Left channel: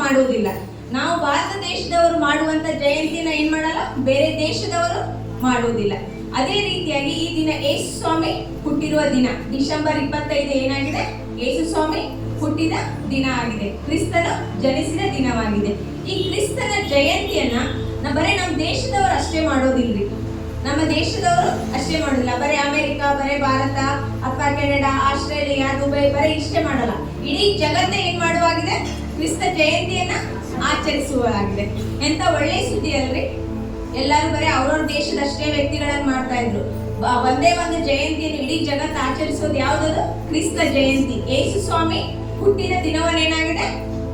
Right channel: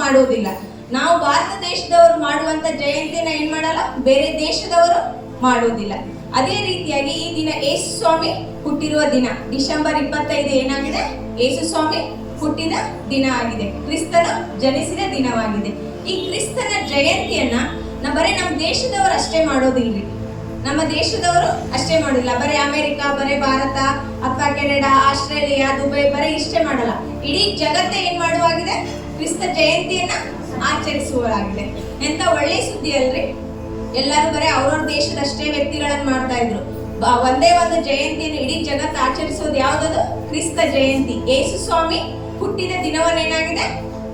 ಮಾಡುವುದಿಲ್ಲ. ನಾವು ಭಾರತ ದೇಶದವರು ಮಾಡುವಂತ ಜಯಂತಿನ ಏನ್ ಮಾಡಲ್ಲ, ಬೇರೆ ದೇಶದವರು ಮಾಡುವುದಿಲ್ಲ. ಅದೇ ರೀತಿಯಾಗಿ ಈ ದಿನ ಯೇಸು ಸ್ವಾಮಿ ಹುಟ್ಟಿರುವ ದಿನ ಡಿಸೆಂಬರ್ 25 ಏನಾಗಿದೆ, ಯೇಸು ಸ್ವಾಮಿ ಹುಟ್ಟಿದ ದಿನ ಆಗಿದೆ, ಕ್ರಿಸ್ತನು ಜನಿಸಿದ ದಿನವಾಗಿದೆ. ಈ ಕ್ರಿಸ್ತನ ಜಯಂತಿಯನ್ನ ಬರೀ ನಮ್ಮ ದೇಶದವರು ಅಷ್ಟೇ ಮಾಡೋದಿಲ್ರಿ, ನಮ್ಮ ದೇಶದವರು ಅಷ್ಟೇ ಮಾಡೋದಿಲ್ಲ. ಬರೀ ಅಮೆರಿಕ, ಬರೀ ಭಾರತ ಅಥವಾ ಕೆನಡಾ, ಆಸ್ಟ್ರೇಲಿಯಾ, ದುಬೈ ಬರೀ ಇಷ್ಟೇ ಮಾಡಲ್ಲ. ಇಡೀ ಜಗತ್ತೇ ಏನ್ ಮಾಡುವಾಗಿದೆ, ಕ್ರಿಸ್ತ ಜಯಂತಿಯನ್ನ ಆಚರಿಸುವಾಗಿದೆ. ಎಂತ ಒಳ್ಳೆ ಸುದ್ದಿ ಅಲ್ರಿ. ಎಲ್ಲರೂ ಬರೀ ಅವ್ರವ್ರ ದೇಶದಷ್ಟೇ ವ್ಯಕ್ತಿಗಳನ್ನ ಮಾಡ್ತಾ ಇದ್ರು. ಒಂದೇ ಒಂದು ಜಯಂತಿಯನ್ನು ಇಡೀ ಜಗತ್ತು ಆಚರಿಸೋದು ಯಾವ್ದದು, ಕ್ರಿಸ್ತ ಜಯಂತಿ. ಯೇಸು ಸ್ವಾಮಿ ಹುಟ್ಟಿದ ದಿನವನ್ನೇನಾಗಿದೆ,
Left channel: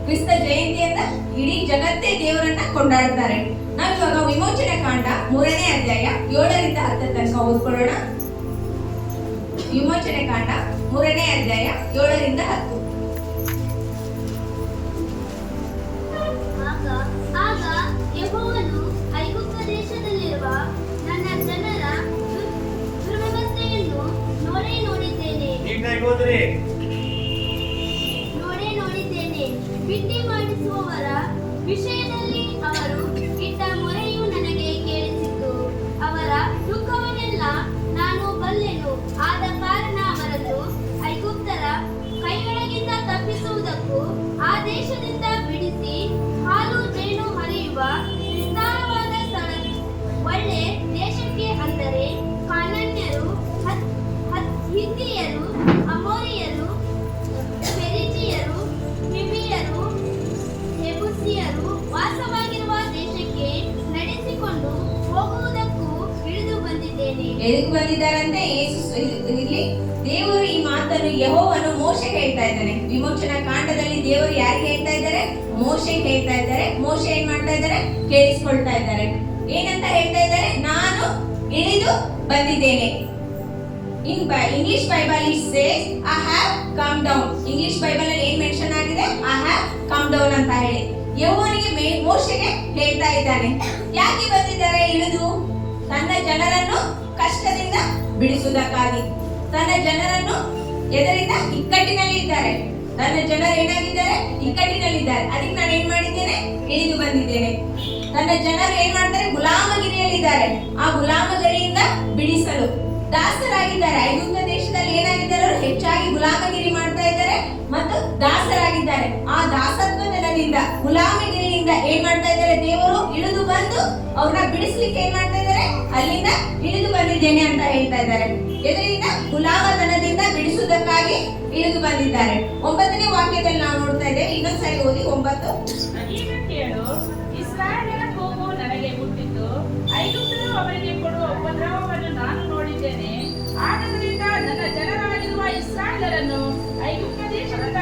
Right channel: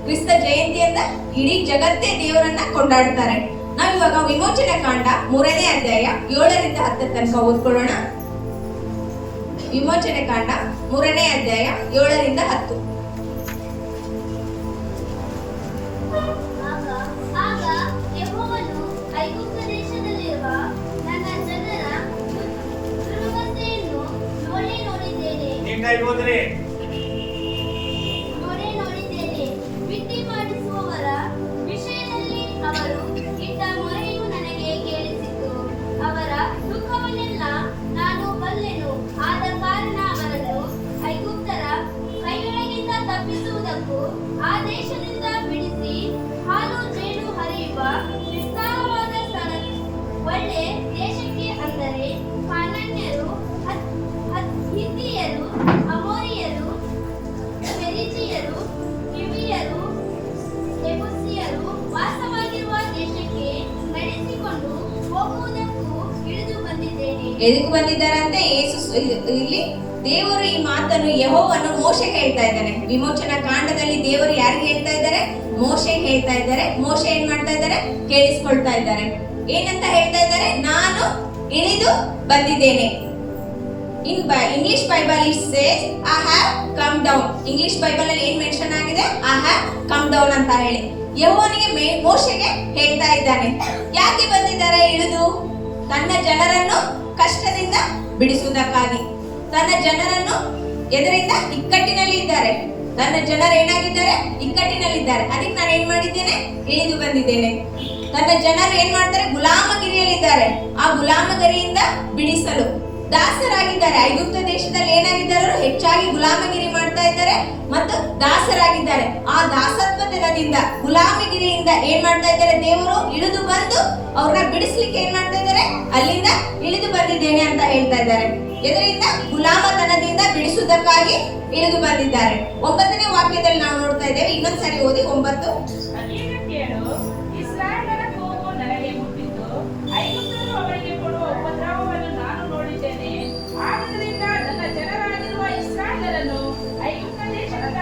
ಕ್ರಿಸ್ತ ಜಯಂತಿಯಿಂದ ಇಡೀ ಜಗತ್ತೇ ದೇವರನ್ನ ಕೊಂಡಾಡ್ತಾರೆ. ನಾವಿವಾಗ ವಿಮೋಚನೆ ಕಾಂಡ 3ನೇ ಅಧ್ಯಾಯ 7ರಿಂದ 10 ತನಕ ಓದ್ಕೊಳ್ಳೋಣ. ವಿಮೋಚನೆ ಕಾಂಡ 3ನೇ ಅಧ್ಯಾಯ 7ರಿಂದ 10. ಆಗ ಯೆಹೋವನು ಐಗುಪ್ತ ದೇಶದಲ್ಲಿರುವ ನನ್ನ ಜನರ ದುರವಸ್ಥೆಯನ್ನು ನೋಡಿದ್ದೇನೆ. ಬಿಟ್ಟಿ ಮಾಡಿಸುವವರ ವಿಷಯದಲ್ಲಿ ಅವರು ಇಟ್ಟ ಮೊರೆಯು ನನಗೆ ಕೇಳಿಸಿತು. ಅವರ ದುಃಖವನ್ನೆಲ್ಲ ನಾನು ಬಲ್ಲೆನು. ಆದ ಕಾರಣ ಅವರನ್ನು ಐಗುಪ್ತರ ಕೈಯೊಳಗಿಂದ ತಪ್ಪಿಸುವುದಕ್ಕೂ ಆ ದೇಶದಿಂದ ಬಿಡಿಸಿ ಹಾಲು ಜೇನು ಹರಿಯುವ ವಿಸ್ತಾರವಾದ ಸ್ಥಳ ಒಳ್ಳೆ ದೇಶಕ್ಕೆ, ಅಂದರೆ ಕಾನಾನ್ಯರು, ಹಿತ್ತಿಯರು, ಅಮೋರಿಯರು, ಪೆರಿಜಿಯರು, ಹಿವಿಯರು, ಯೆಬೂಸಿಯರು ವಾಸವಾಗಿರುವ ದೇಶಕ್ಕೆ ನಡೆಸಿಕೊಂಡು ಹೋಗುವುದಕ್ಕೂ ಇಳಿದು ಬಂದಿದ್ದೇನೆ. ಎದಕ್ಕೆ ಬಂದಿದ್ದಾರಂತೆ ಇಲ್ಲಿ ದೇವರು ಈ ಮಾತನ್ನು ಯೆಹೋವನು ಮೋಶೆಗೆ ಹೇಳ್ತಾ ಇದ್ದಾನೆ. ವಿಮೋಚನಾ ಕಾಂಡದಲ್ಲಿ ದೇವರು ಯಾರಿಗೆ ಹೇಳ್ತಾ ಇದ್ದಾರೆ, ಮೋಶೆಗೆ ಹೇಳ್ತಾ ಇದ್ದಾರೆ. ಮೋಶೆ ಏನ್ ಮಾಡ್ತಾ ಇದ್ದಾರೆ, ಕೇಳಿಸ್ಕೊಳ್ತಾ ಇದ್ದಾರೆ. ಏನಂತ ಹೇಳ್ತಾ ಇದ್ದಾರೆ, ನಾನು ಇಳಿದು ಬಂದಿದ್ದೇನೆ. English Bible it says I have come down. English Bible ಅಲ್ಲಿ ಏನ್ ಮೆನ್ಷನ್ ಆಗಿದೆ, ಐ ಹ್ಯಾವ್ ಕಮ್ ಡೌನ್ ಅಂತ ಹೇಳಿ ಯೆಹೋವನಿಗೆ ಮೋಶೆಗೆ ಹೇಳ್ತಾ ಇದ್ದಾನೆ. ಯಾಕೆ ಬಂದಿದ್ದಾರೆ ಇಳಿದು? ತನ್ನ ಜನರನ್ನು ಕಷ್ಟದಿಂದ ಬಿಡಿಸುವುದಕ್ಕಾಗಿ. ತನ್ನ ಜನರನ್ನು ಎದರಿಂದ ಇಕ್ಕಟ್ಟಿನಲ್ಲಿ ಇದ್ದಾರೆ. ತನ್ನ ಜನರು ಏನಾಗಿದ್ದಾರೆ, ಇಕ್ಕಟ್ಟಿನಲ್ಲಿದ್ದಾರೆ. ಅದಕ್ಕೆ ನಾನು ಏನ್ ಮಾಡಿದ್ದೇನೆ, ಇಳಿದು ಬಂದಿದ್ದೇನೆ. ತನ್ನ ಜನರು ಏನ್ ಮಾಡ್ತಾರೆ, ಗುಲಾಮಗಿರಿಯಲ್ಲಿದ್ದಾರೆ. ಆ ಗುಲಾಮಗಿರಿಯಿಂದ ಬಿಡಿಸಲು ದಾಸರಾಗಿದ್ದಾರೆ. ಐಗುಪ್ತ ದೇಶದಲ್ಲಿ ಏನಾಗಿದ್ದಾರೆ, ಹೆಚ್ಚಾಗಿ ಗುಲಾಮಗಿರಿ ಮಾಡ್ತಾ ಇದ್ದಾರೆ ಮತ್ತು ದಾಸರಾಗಿದ್ದಾರೆ. ಆ ದಾಸತ್ವದಿಂದ, ಗುಲಾಮಗಿರಿಯಿಂದ ಏನ್ ಮಾಡ್ತಾ ಇದ್ದಾರೆ, ದೇವರು ಇಳಿದು ಬಂದು ಅವ್ರನ್ನ ಬಿಡಿಸ್ಲಿಕ್ಕೆ ಏನ್ ಮಾಡ್ತಾ ಇದ್ದಾರೆ, ಅಲ್ಲಿಂದ ಇಳಿದು ಬಂದಿದ್ದೇನೆ ಅಂತ ಹೇಳ್ತಾ ಇದ್ದಾರೆ. ಇದರಿಂದ ಗುಲಾಮತನದಿಂದ ಬಿಡಿಸುವುದಕ್ಕಾಗಿ ಇಳಿದು ಬಂದಿದ್ದಾರೆ. 9ನೇ ವಾಕ್ಯದಲ್ಲಿ ನಾವು ನೋಡ್ತಾ ಇದ್ದೇವೆ. ಇನ್ನೊಂದ್ಸರಿ ಓದಿ 9. ಇಸ್ರಾಯೇಲರ ಕೋಪವು ನನಗೆ ಮುಟ್ಟಿತು, ಐಗುಪ್ತರು ಅವರಿಗೆ ಕೊಡುವ ಉಪದ್ರವವನ್ನು ನಾನು ನೋಡಿದ್ದೇನೆ. ಆದ್ದರಿಂದ ನನ್ನ ಜನರಾಗಿರುವ ಇಸ್ರಾಯೇಲರನ್ನು ಐಗುಪ್ತ ದೇಶದಿಂದ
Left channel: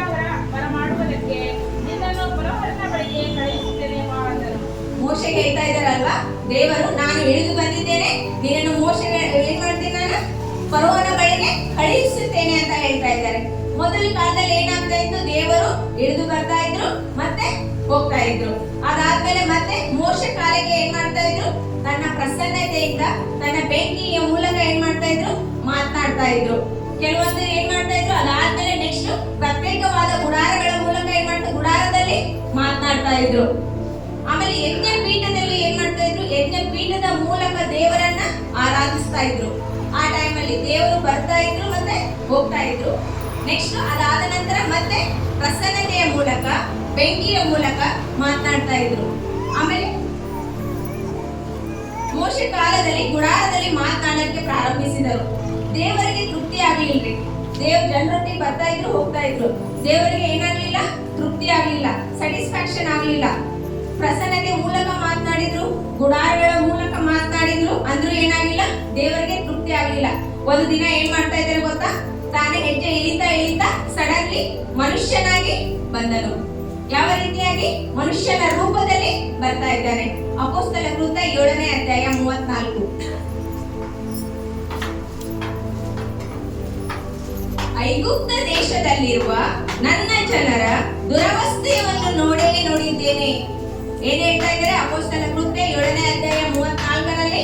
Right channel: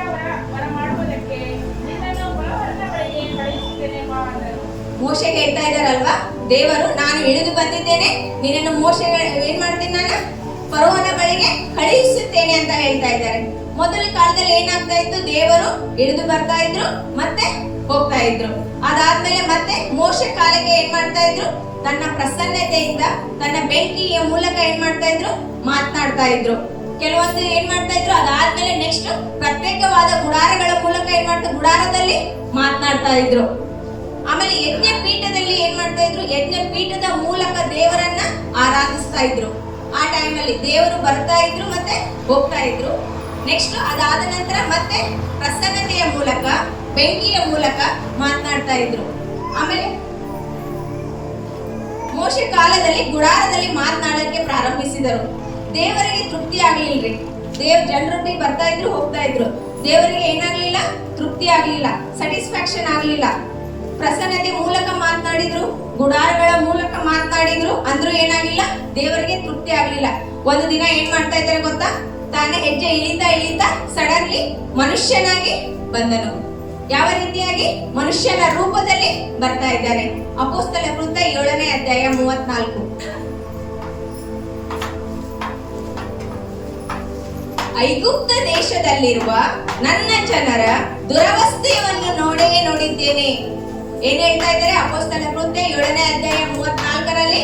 ಬರಮಾಡುವುದಕ್ಕೆ ನಿನ್ನನ್ನು ಫರೋಹನ ಬಳಿಗೆ ಕಳುಹಿಸುತ್ತೇನೆ ಎಂದರು. ಮೋಶೆಗೆ ಹೇಳ್ತಾ ಇದ್ದಾರಲ್ವಾ, ದೇವರು ನಾನು ಇಳಿದು ಬಂದಿದ್ದೇನೆ, ನಿನ್ನನ್ನು ಮೋಶೆಗೆ ಏನ್ ಮಾಡ್ತೇನೆ, ನಾನು ಫರೋಹನ ಬಳಿಗೆ ಕಳುಹಿಸುತ್ತೇನೆ ಅಂತ ಹೇಳ್ತಾ ಇದ್ದಾರೆ. ಮೊದಲ ಕಾಲದಲ್ಲಿ ಏನಾಗ್ತಾ ಇತ್ತು, ದೇವರು ಇಳಿದು ಬರ್ತಾ ಇದ್ರು ಮತ್ತೆ ಹೋಗ್ತಾ ಇದ್ರು. ಅದಾದ್ಮೇಲೆ ಮತ್ತೆ ಮೋಶೆ ಕಾಲಕ್ಕೆ ಏನ್ ಮಾಡ್ತಾ ಇದ್ರು, ತನ್ನ ಪ್ರಸನ್ನತೆಯಿಂದ ತನ್ನ ಬೆಂಕಿಯ ಮೂಲಕ ಏನ್ ಮಾಡ್ತಾ ಇದ್ರು, ಮಾತನಾಡ್ತಾ ಇದ್ರು. ಕೆಲವೊಂದು ಏನ್ ಮಾಡ್ತಾ ಇದ್ರು, ಅದಾದ್ಮೇಲೆ ನೆಕ್ಸ್ಟ್ ಪ್ರತ್ಯೇಕವಾದ ಗುಡಾರಗಳ ಮೂಲಕ ಏನ್ ಮಾಡ್ತಾ, ಗುಡಾರದಲ್ಲಿ ಮಾತನಾಡ್ತಾ ಇದ್ರು. ಆಮೇಲೆ ಯಜ್ಞ ಪೀಠದಲ್ಲಿ ಏನ್ ಮಾಡ್ತಾ ಇದ್ರು, ಯಜ್ಞ ಪೀಠದ ಮೂಲಕ ದೇವರನ್ನ ಆರಾಧಿಸ್ತಾ ಇದ್ರು. ಆ ಟೈಮಲ್ಲಿ ದೇವರು ಬರ್ತಾ ಇದ್ರು ಮತ್ತೆ ಹೋಗ್ತಾ ಇದ್ರು. ನೆಕ್ಸ್ಟ್ ಅದಾದ ನಂತರ ಮತ್ತೆ ಪ್ರಸನ್ನತೆಯ ಮೂಲಕ, ಬೆಂಕಿಯ ಮೂಲಕ ಮಾತನಾಡ್ತಾ ಇದ್ರು. ಆಮೇಲೆ ಮೋಶೆ ಕಾಲದಲ್ಲಿ ಗುಡಾರದಲ್ಲಿ ಮಾತನಾಡಕ್ಕೆ ಪ್ರಾರಂಭಿಸಿದರು. ದೇವರಿಗೆ ತೃಪ್ತಿ ಆಗ್ಲಿಲ್ರಿ. ಜನರೊಟ್ಟಿಗೆ ಬರ್ತಾ ಇದ್ರು, ಹೋಗ್ತಾ ಇದ್ರು. ದೇವರಿಗೆ ಏನಾಗ್ಲಿಲ್ಲ, ತೃಪ್ತಿ ಆಗ್ಲಿಲ್ಲ, ಸ್ಯಾಟಿಸ್ಫ್ಯಾಕ್ಷನ್ ಆಗ್ಲಿಲ್ಲ. ಪ್ರಸನ್ನತೆ ಮೂಲಕ ಮಾತನಾಡಿದ್ರು, ಗುಡಾರಗಳ ಮೂಲಕ ಮಾತನಾಡಿದ್ರು, ಅಂದ್ರೂ ಏನಾಗಿಲ್ಲ, ದೇವರಿಗೆ ತೃಪ್ತಿ ಆಗ್ಲಿಲ್ಲ. ಒಂದು ದಿನ ಏನ್ ಮಾಡ್ತಾ ಇದ್ದಾರೆ ಗೊತ್ತಾ, ತಾನೇ ಹೆಜ್ಜೆ ಇಳಿತಾ ಸಡನ್ಲಿ ಮನುಷ್ಯನಾಗಿ ಬಂದನು. ಯಾವ ರೀತಿಯಾಗಿ, ಮನುಷ್ಯನ ರೂಪದಲ್ಲಿ ಬರ್ತಾ ಇದ್ದಾರೆ. ಅಪೊಸ್ತಲ ಕೃತ್ಯ 7ನೇ ಅಧ್ಯಾಯ 34. ಐಗುಪ್ತ ದೇಶದಲ್ಲಿರುವ ನನ್ನ ಜನರ ದುರವಸ್ಥೆಯನ್ನು ನೋಡಿದ್ದೇನೆ. ಏನ್ ಹೇಳ್ತಾ ಇದ್ದಾರೆ, ಅಪೊಸ್ತಲ ಕೃತ್ಯ 7ನೇ ಅಧ್ಯಾಯ 34ರಲ್ಲಿ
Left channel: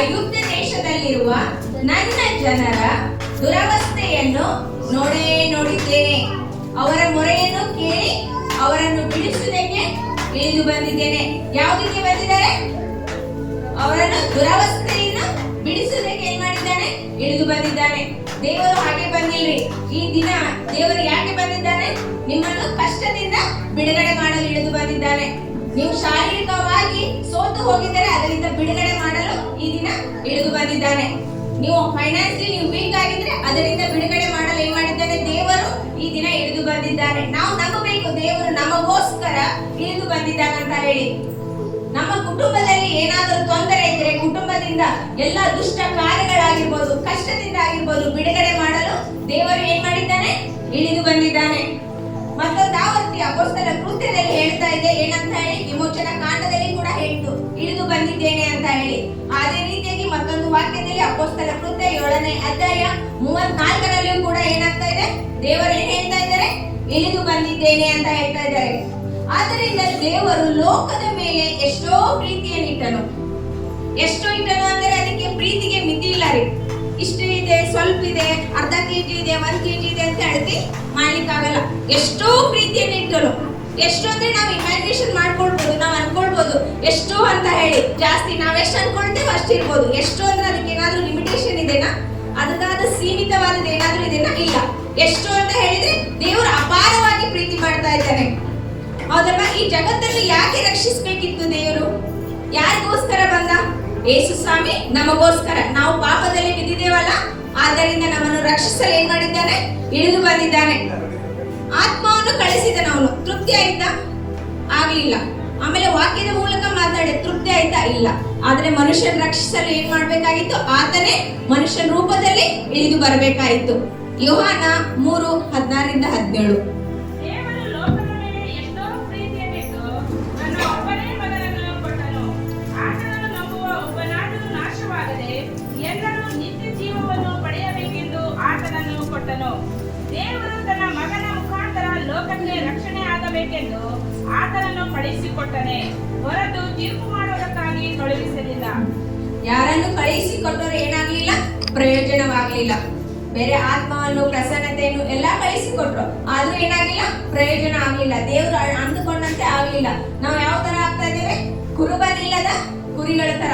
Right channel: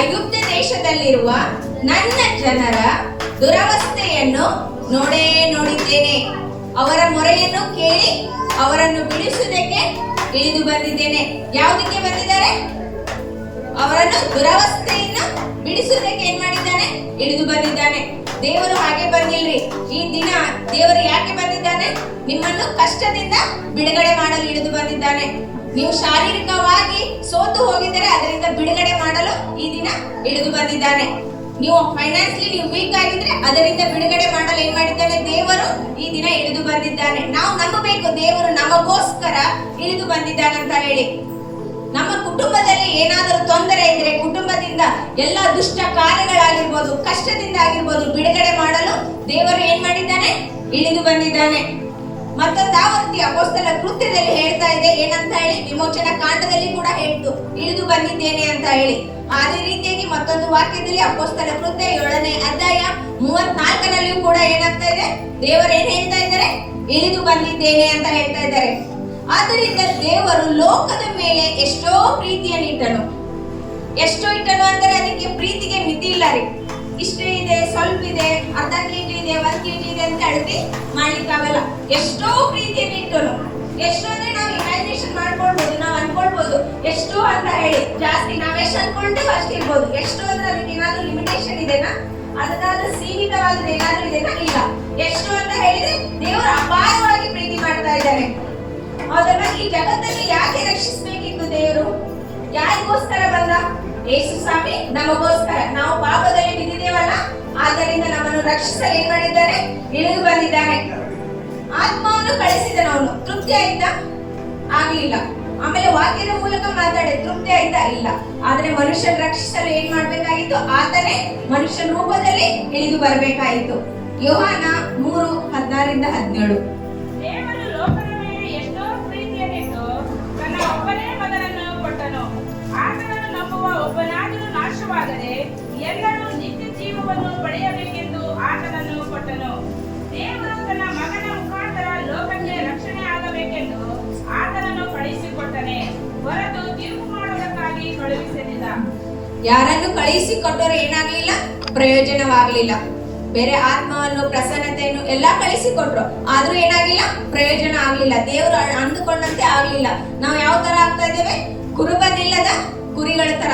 ಐಗುಪ್ತ ದೇಶದಲ್ಲಿರುವ ನನ್ನ ಜನರ ದುರವಸ್ಥೆಯನ್ನು ನೋಡಿದ್ದೇನೆ. ಅವರ ಮೊರೆಯನ್ನು ಕೇಳಿ ಅವರನ್ನು ಬಿಡಿಸುವುದಕ್ಕೆ ಇಳಿದು ಬಂದಿದ್ದೇನೆ. ಯಾವುದಕ್ಕೆ ಬಂದಿದ್ದಾರೆ? ಅವರನ್ನು ದುರವಸ್ಥೆಯಿಂದ ಬಿಡಿಸುವುದಕ್ಕೆ ಏನ್ ಮಾಡಿದ್ದಾನೆ? ಇಳಿದು ಬಂದಿದ್ದಾನೆ. ದೇವರು ಹಾಗೆ ಬಂದಿಲ್ರಿ. ಈ ದಿನ ದೇವರು ಯಾಕೆ ಬಂದಿದ್ದಾನೆ? ನಿಮ್ಮನ್ನು ಕಷ್ಟದಿಂದ ಬಿಡುಗಡೆ ಮಾಡಲು ಇಳಿದು ಬಂದಿದ್ದಾನೆ. ನೀವು ಶಾರೀರಿಕವಾಗಿ ಸೋತು ಹೋಗಿದ್ದರೆ ಅದರಿಂದ ಬಿಡುಗಡೆ ಮಾಡಲು ಈ ದಿನ ಇಳಿದು ಬಂದಿದ್ದಾನೆ. ನೀವು ಫೈನಾನ್ಸಿಯಲಿ ನೀವು ವೀಕ್ ಆಗಿದ್ರೆ ಅದರಿಂದ ಬಿಡುಗಡೆ ಮಾಡಲು ಏನ್ ಮಾಡಿದ್ದಾನೆ? ದೇವರು ಈ ದಿನ ಇಳಿದು ಬಂದಿದ್ದಾನೆ. ನಾವು ನಂಬಬೇಕು, ದೇವರು ನಮಗೋಸ್ಕರ ಇಳಿದು ಬಂದಿದ್ದಾನೆ ಅಂತ ಹೇಳಿ. ನಮ್ಮ ಕುಟುಂಬದಲ್ಲಿ ಏನಾದರೂ ತೊಂದರೆ ಇದ್ರೆ, ಕುಟುಂಬದಿಂದ ಎಲ್ಲ ದುಷ್ಟ ಕಾರ್ಯಗಳಾಗಿರ್ಬೋದು, ಕಷ್ಟದಿಂದ ಆಗಿರ್ಬೋದು, ಬಿಡುಗಡೆ ಮಾಡಲು ದೇವರು ಏನ್ ಮಾಡಿದ್ದಾನೆ? ಇಳಿದು ಬಂದಿದ್ದಾನೆ. ಮತ್ತೊಂದು ಆವೃತ್ತಿ ಅಪೊಸ್ತಲ ಕೃತ್ಯದಲ್ಲಿ ಹೇಳ್ತಾ ಇದೆ ಏನಂತ ಹೇಳಿ, ವಿಮೋಚನಾ ಕಾಂಡದಲ್ಲಿ ಕೂಡ ಹೇಳ್ತು ಇಳಿದು ಬಂದಿದ್ದೇನೆ ಅಂತ ಹೇಳಿ. ಅದೇ ರೀತಿಯಾಗಿ ಮತ್ತೊಂದು ವಾಕ್ಯದಲ್ಲಿ ಅಪೊಸ್ತಲ ಕೃತ್ಯ 7ನೇ ಅಧ್ಯಾಯ 34ನಲ್ಲಿಯೂ ಕೂಡ ಏನಾಗ್ತಾ ಇದೆ? ದೇವರು ಏನ್ ಹೇಳ್ತಾ ಇದ್ದಾರೆ? ಇಳಿದು ಬಂದಿದ್ದೇನೆ ಅಂತ ಹೇಳ್ತಾ ಇದ್ದಾರೆ. ಆದ್ದರಿಂದ ದೇವರು ಲೋಕದ ಮೇಲೆ ಎಷ್ಟೋ ಪ್ರೀತಿಯನ್ನು ಇಟ್ಟನು. ಎಷ್ಟೋ ಇಟ್ಟನು ಅಂದರೆ ಅದಕ್ಕೆ ಪ್ರೀತಿಗೆ ಮಿತಿ ಇಲ್ಲ ರೀ. ಇಷ್ಟು ಇದೆ, ಸ್ವಲ್ಪ ಇದೆ, ಅರ್ಧ ಕೆಜಿ ಇದೆ, 1 ಕೆಜಿ ಇದೆ ಅಂತ ಅಳತೆ ಮಾಡ್ಲಿಕ್ಕಾಗಲ್ಲ. ಎಷ್ಟೋ ಪ್ರೀತಿಯನ್ನು ಇಟ್ಟರು. ಎಷ್ಟು ಅಂದ್ರೆ ನಾವು ಇಮ್ಯಾಜಿನೇಷನ್ ಮಾಡ್ಕೊಳ್ಬಹುದು, ನಾವು ಅನ್ಕೊಳ್ಬಹುದು ಎಷ್ಟು ಅಂತ ಹೇಳಿ. ಜಾಸ್ತಿ ನಾವೆಷ್ಟು ಅನ್ಕೊಳ್ತೇವೆ ಅಷ್ಟು ಇರ್ಬೋದು. ಎಷ್ಟು ಅಂದ್ರೆ ಅದಕ್ಕೆ ಏನಾದ್ರೂ ಲಿಮಿಟೇಷನ್ ಇದೆನಾ? ಅದಕ್ಕಾದ ಸೀಮಿತವಾದದ್ದು ಏನಾದ್ರೂ ಇದೆನಾ? ಇಲ್ಲ. ಎಷ್ಟು ಅಂತ ಹೇಳಿದ್ರೆ ದೇವರು ಅಪಾರವಾಗಿ ಪ್ರೀತಿ ಮಾಡ್ತಾ ಇದ್ದಾನೆ. ಹೌದಲ್ವಾ? ಈ ಜಗತ್ತನ್ನು ಯಾಕೆ ರಕ್ಷಿಸಬೇಕಿತ್ತು ದೇವರು? ಯಾರಿಗೋಸ್ಕರ ಬಂದ? ಯೇಸು ಸ್ವಾಮಿ ನಮಗೋಸ್ಕರ. ನಾವು ಪಾಪದಲ್ಲಿ ಬಿದ್ದಿದ್ದೇವಲ್ಲ, ಆದ್ದರಿಂದ ನಮ್ಮನ್ನು ರಕ್ಷಿಸಲು ಏನ್ ಮಾಡಿದ್ದಾನೆ? ಇಳಿದು ಬಂದಿದ್ದಾನೆ. ಆತ್ಮವನ್ನು ಕಳಿಸಿದನು ಅವನು. ತೃಪ್ತಿ ಆಯ್ತಾ? ಆಗ್ಲಿಲ್ಲ. ಆಮೇಲೆ ವಾಕ್ಯದ ಮೂಲಕ ಮಾತಾಡಿ ತೃಪ್ತಿ ಆಯ್ತಾ? ಇಲ್ಲ. ಆದ್ರೆ ಮನುಷ್ಯನ ರಕ್ಷಿಸಲು ಏನ್ ಮಾಡ್ಬೇಕಾಗಿತ್ತು? ಆತನೇ ಮನುಷ್ಯ ರೂಪದಲ್ಲಿ ಇಳಿದು ಬರಬೇಕಾಯಿತು. ಯೋಹಾನ 3:16-17. ದೇವರು ಲೋಕದ ಮೇಲೆ ಎಷ್ಟೋ ಪ್ರೀತಿಯನ್ನಿಟ್ಟು ತನ್ನ ಒಬ್ಬನೇ ಮಗನನ್ನು ಕೊಟ್ಟನು. ಆತನನ್ನು ನಂಬುವ ಒಬ್ಬನಾದರೂ ನಾಶವಾಗದೆ ಎಲ್ಲರೂ ನಿತ್ಯ ಜೀವವನ್ನು ಪಡೆಯಬೇಕೆಂದು ಆತನನ್ನು ಕೊಟ್ಟನು. ದೇವರು ತನ್ನ ಮಗನ ಮುಖಾಂತರ ಲೋಕಕ್ಕೆ ರಕ್ಷಣೆ ಆಗಬೇಕೆಂದು ಆತನನ್ನು ಕಳುಹಿಸಿಕೊಟ್ಟನೆ, ಹೊರತು ತೀರ್ಪು ಮಾಡುವುದಕ್ಕಾಗಿ ಕಳುಹಿಸಲಿಲ್ಲ. ಯಾರನ್ನು ಕಳುಹಿಸಿಕೊಟ್ಟರು ಏನಾಗ್ಲಿಲ್ಲ? ಪ್ರಯೋಜನವಾಗಲಿಲ್ಲ. ಬೇರೆ ಆತ್ಮವನ್ನು, ಪ್ರಸನ್ನತೆಯನ್ನು ಎಲ್ಲಾ ಕಳಿಸಿಕೊಟ್ರು, ಆದ್ರೂ ಏನಾಗಿಲ್ಲ? ಪ್ರಯೋಜನ ಆಗ್ಲಿಲ್ಲ. ದೇವರು ಅಂದುಕೊಂಡಂತೆ ಆಗ್ಲಿಲ್ಲ. ನಾವು ಯಾವ ತರ ಆಗ್ತಾ ಇದ್ದೇವೆ? ಕುರುಬನಿಲ್ಲದ ಕುರಿಗಳ ತರ.